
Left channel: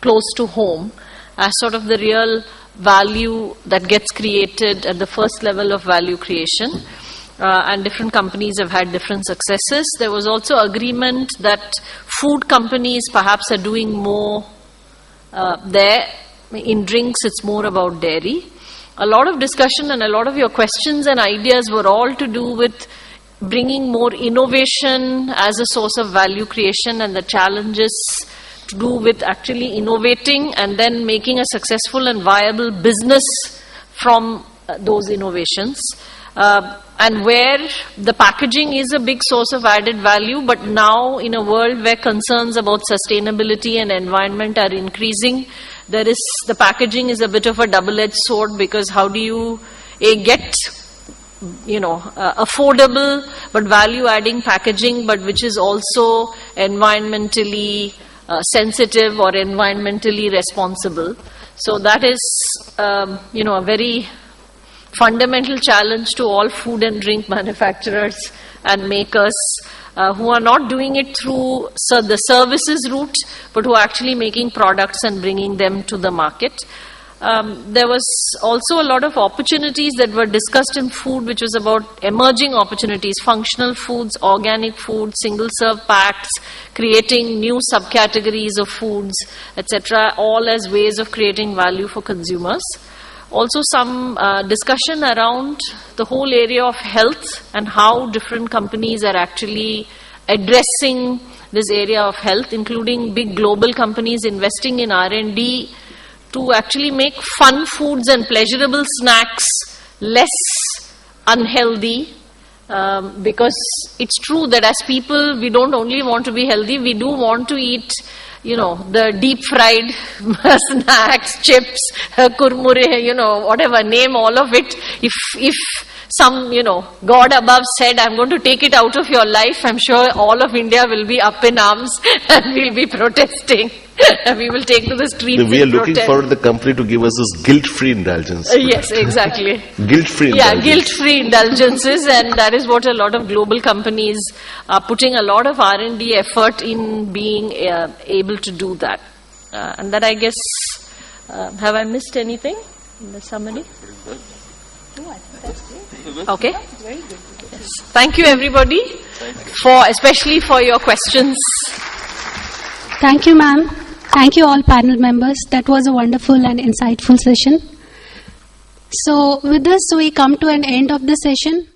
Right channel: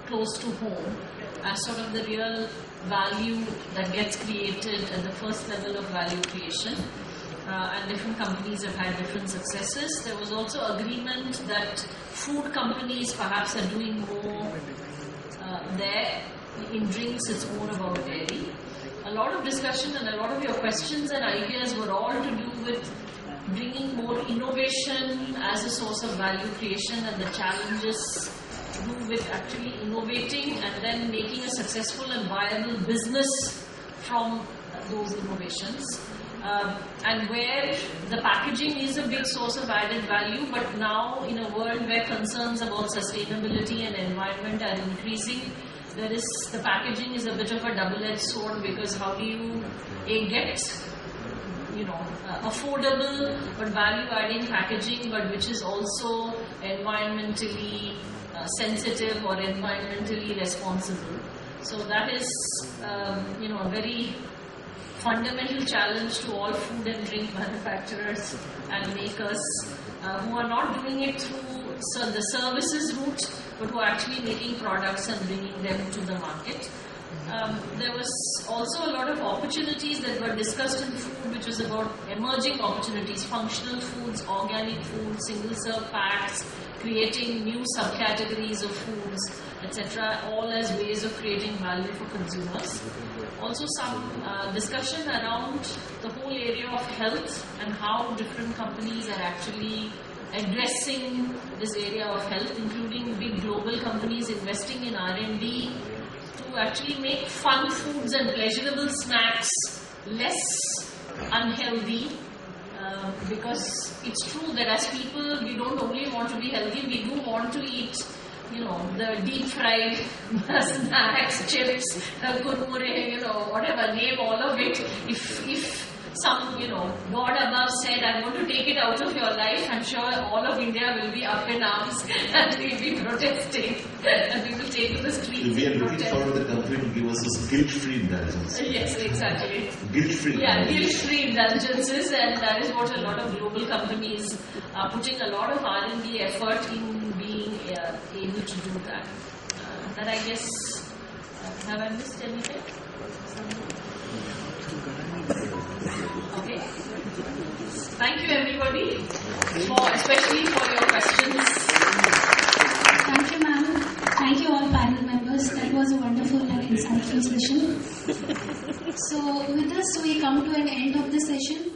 close to home, as sort of the real value that gets created at the first level of value creation. And different companies have had different successes. There was also agreement that food companies perhaps are doing more there. In drinks, it's more about dairy. A lot of discussion and a lot of your questions and ideas were all to do with bringing more innovation as a source of value creation, and the challenges to do with actually innovating and then making a successful and viable business from those innovations. And where the packaging is a big source of added value, but now in a world where concerns about sustainability and environment are increasing, the packaging is a bit of a double-edged sword, because how do you get affordable but value-adding packaging, but which is also environmentally sensitive or environmentally responsible? So that is a very fundamental challenge to all food and drink manufacturers and makers who are not doing it through the services route, but who are actually making products and bringing them to the market. There was also a lot of opportunities that were discussed in food, which was about emerging opportunities, functional foods, organic food, single-serve packs, creating new subcategories of foods, etc., all as ways of creating value for consumers. Also some discussion around the whole area of health and how different companies are actually addressing this area of health, including big global companies investing in R&D to actually make fun foods and pleasurable snacks less unhealthy. Because it's true that as people, we don't only want to be healthy, we do want to eat, the deep fried snacks, chips, kurmure, whatever, name all of it. If some, God above said, I'm going to take it out of your life, I'm sure all of India will be up in arms and we'll be protesting. We will take to the streets. We are looking for the company to give us this guilt-free indulgence. Yes, exactly. Guilt-free indulgence. Yeah, guilt-free indulgences, and that is what a lot of global companies are putting a lot of R&D effort in being able to do that. And that, I guess, have I missed anything? Somebody? Okay. Thank you, everybody, especially for your questions. Thank you, ma'am. Thank you all panel members. That was a wonderful and insightful session. So with this, we come to an end of the session.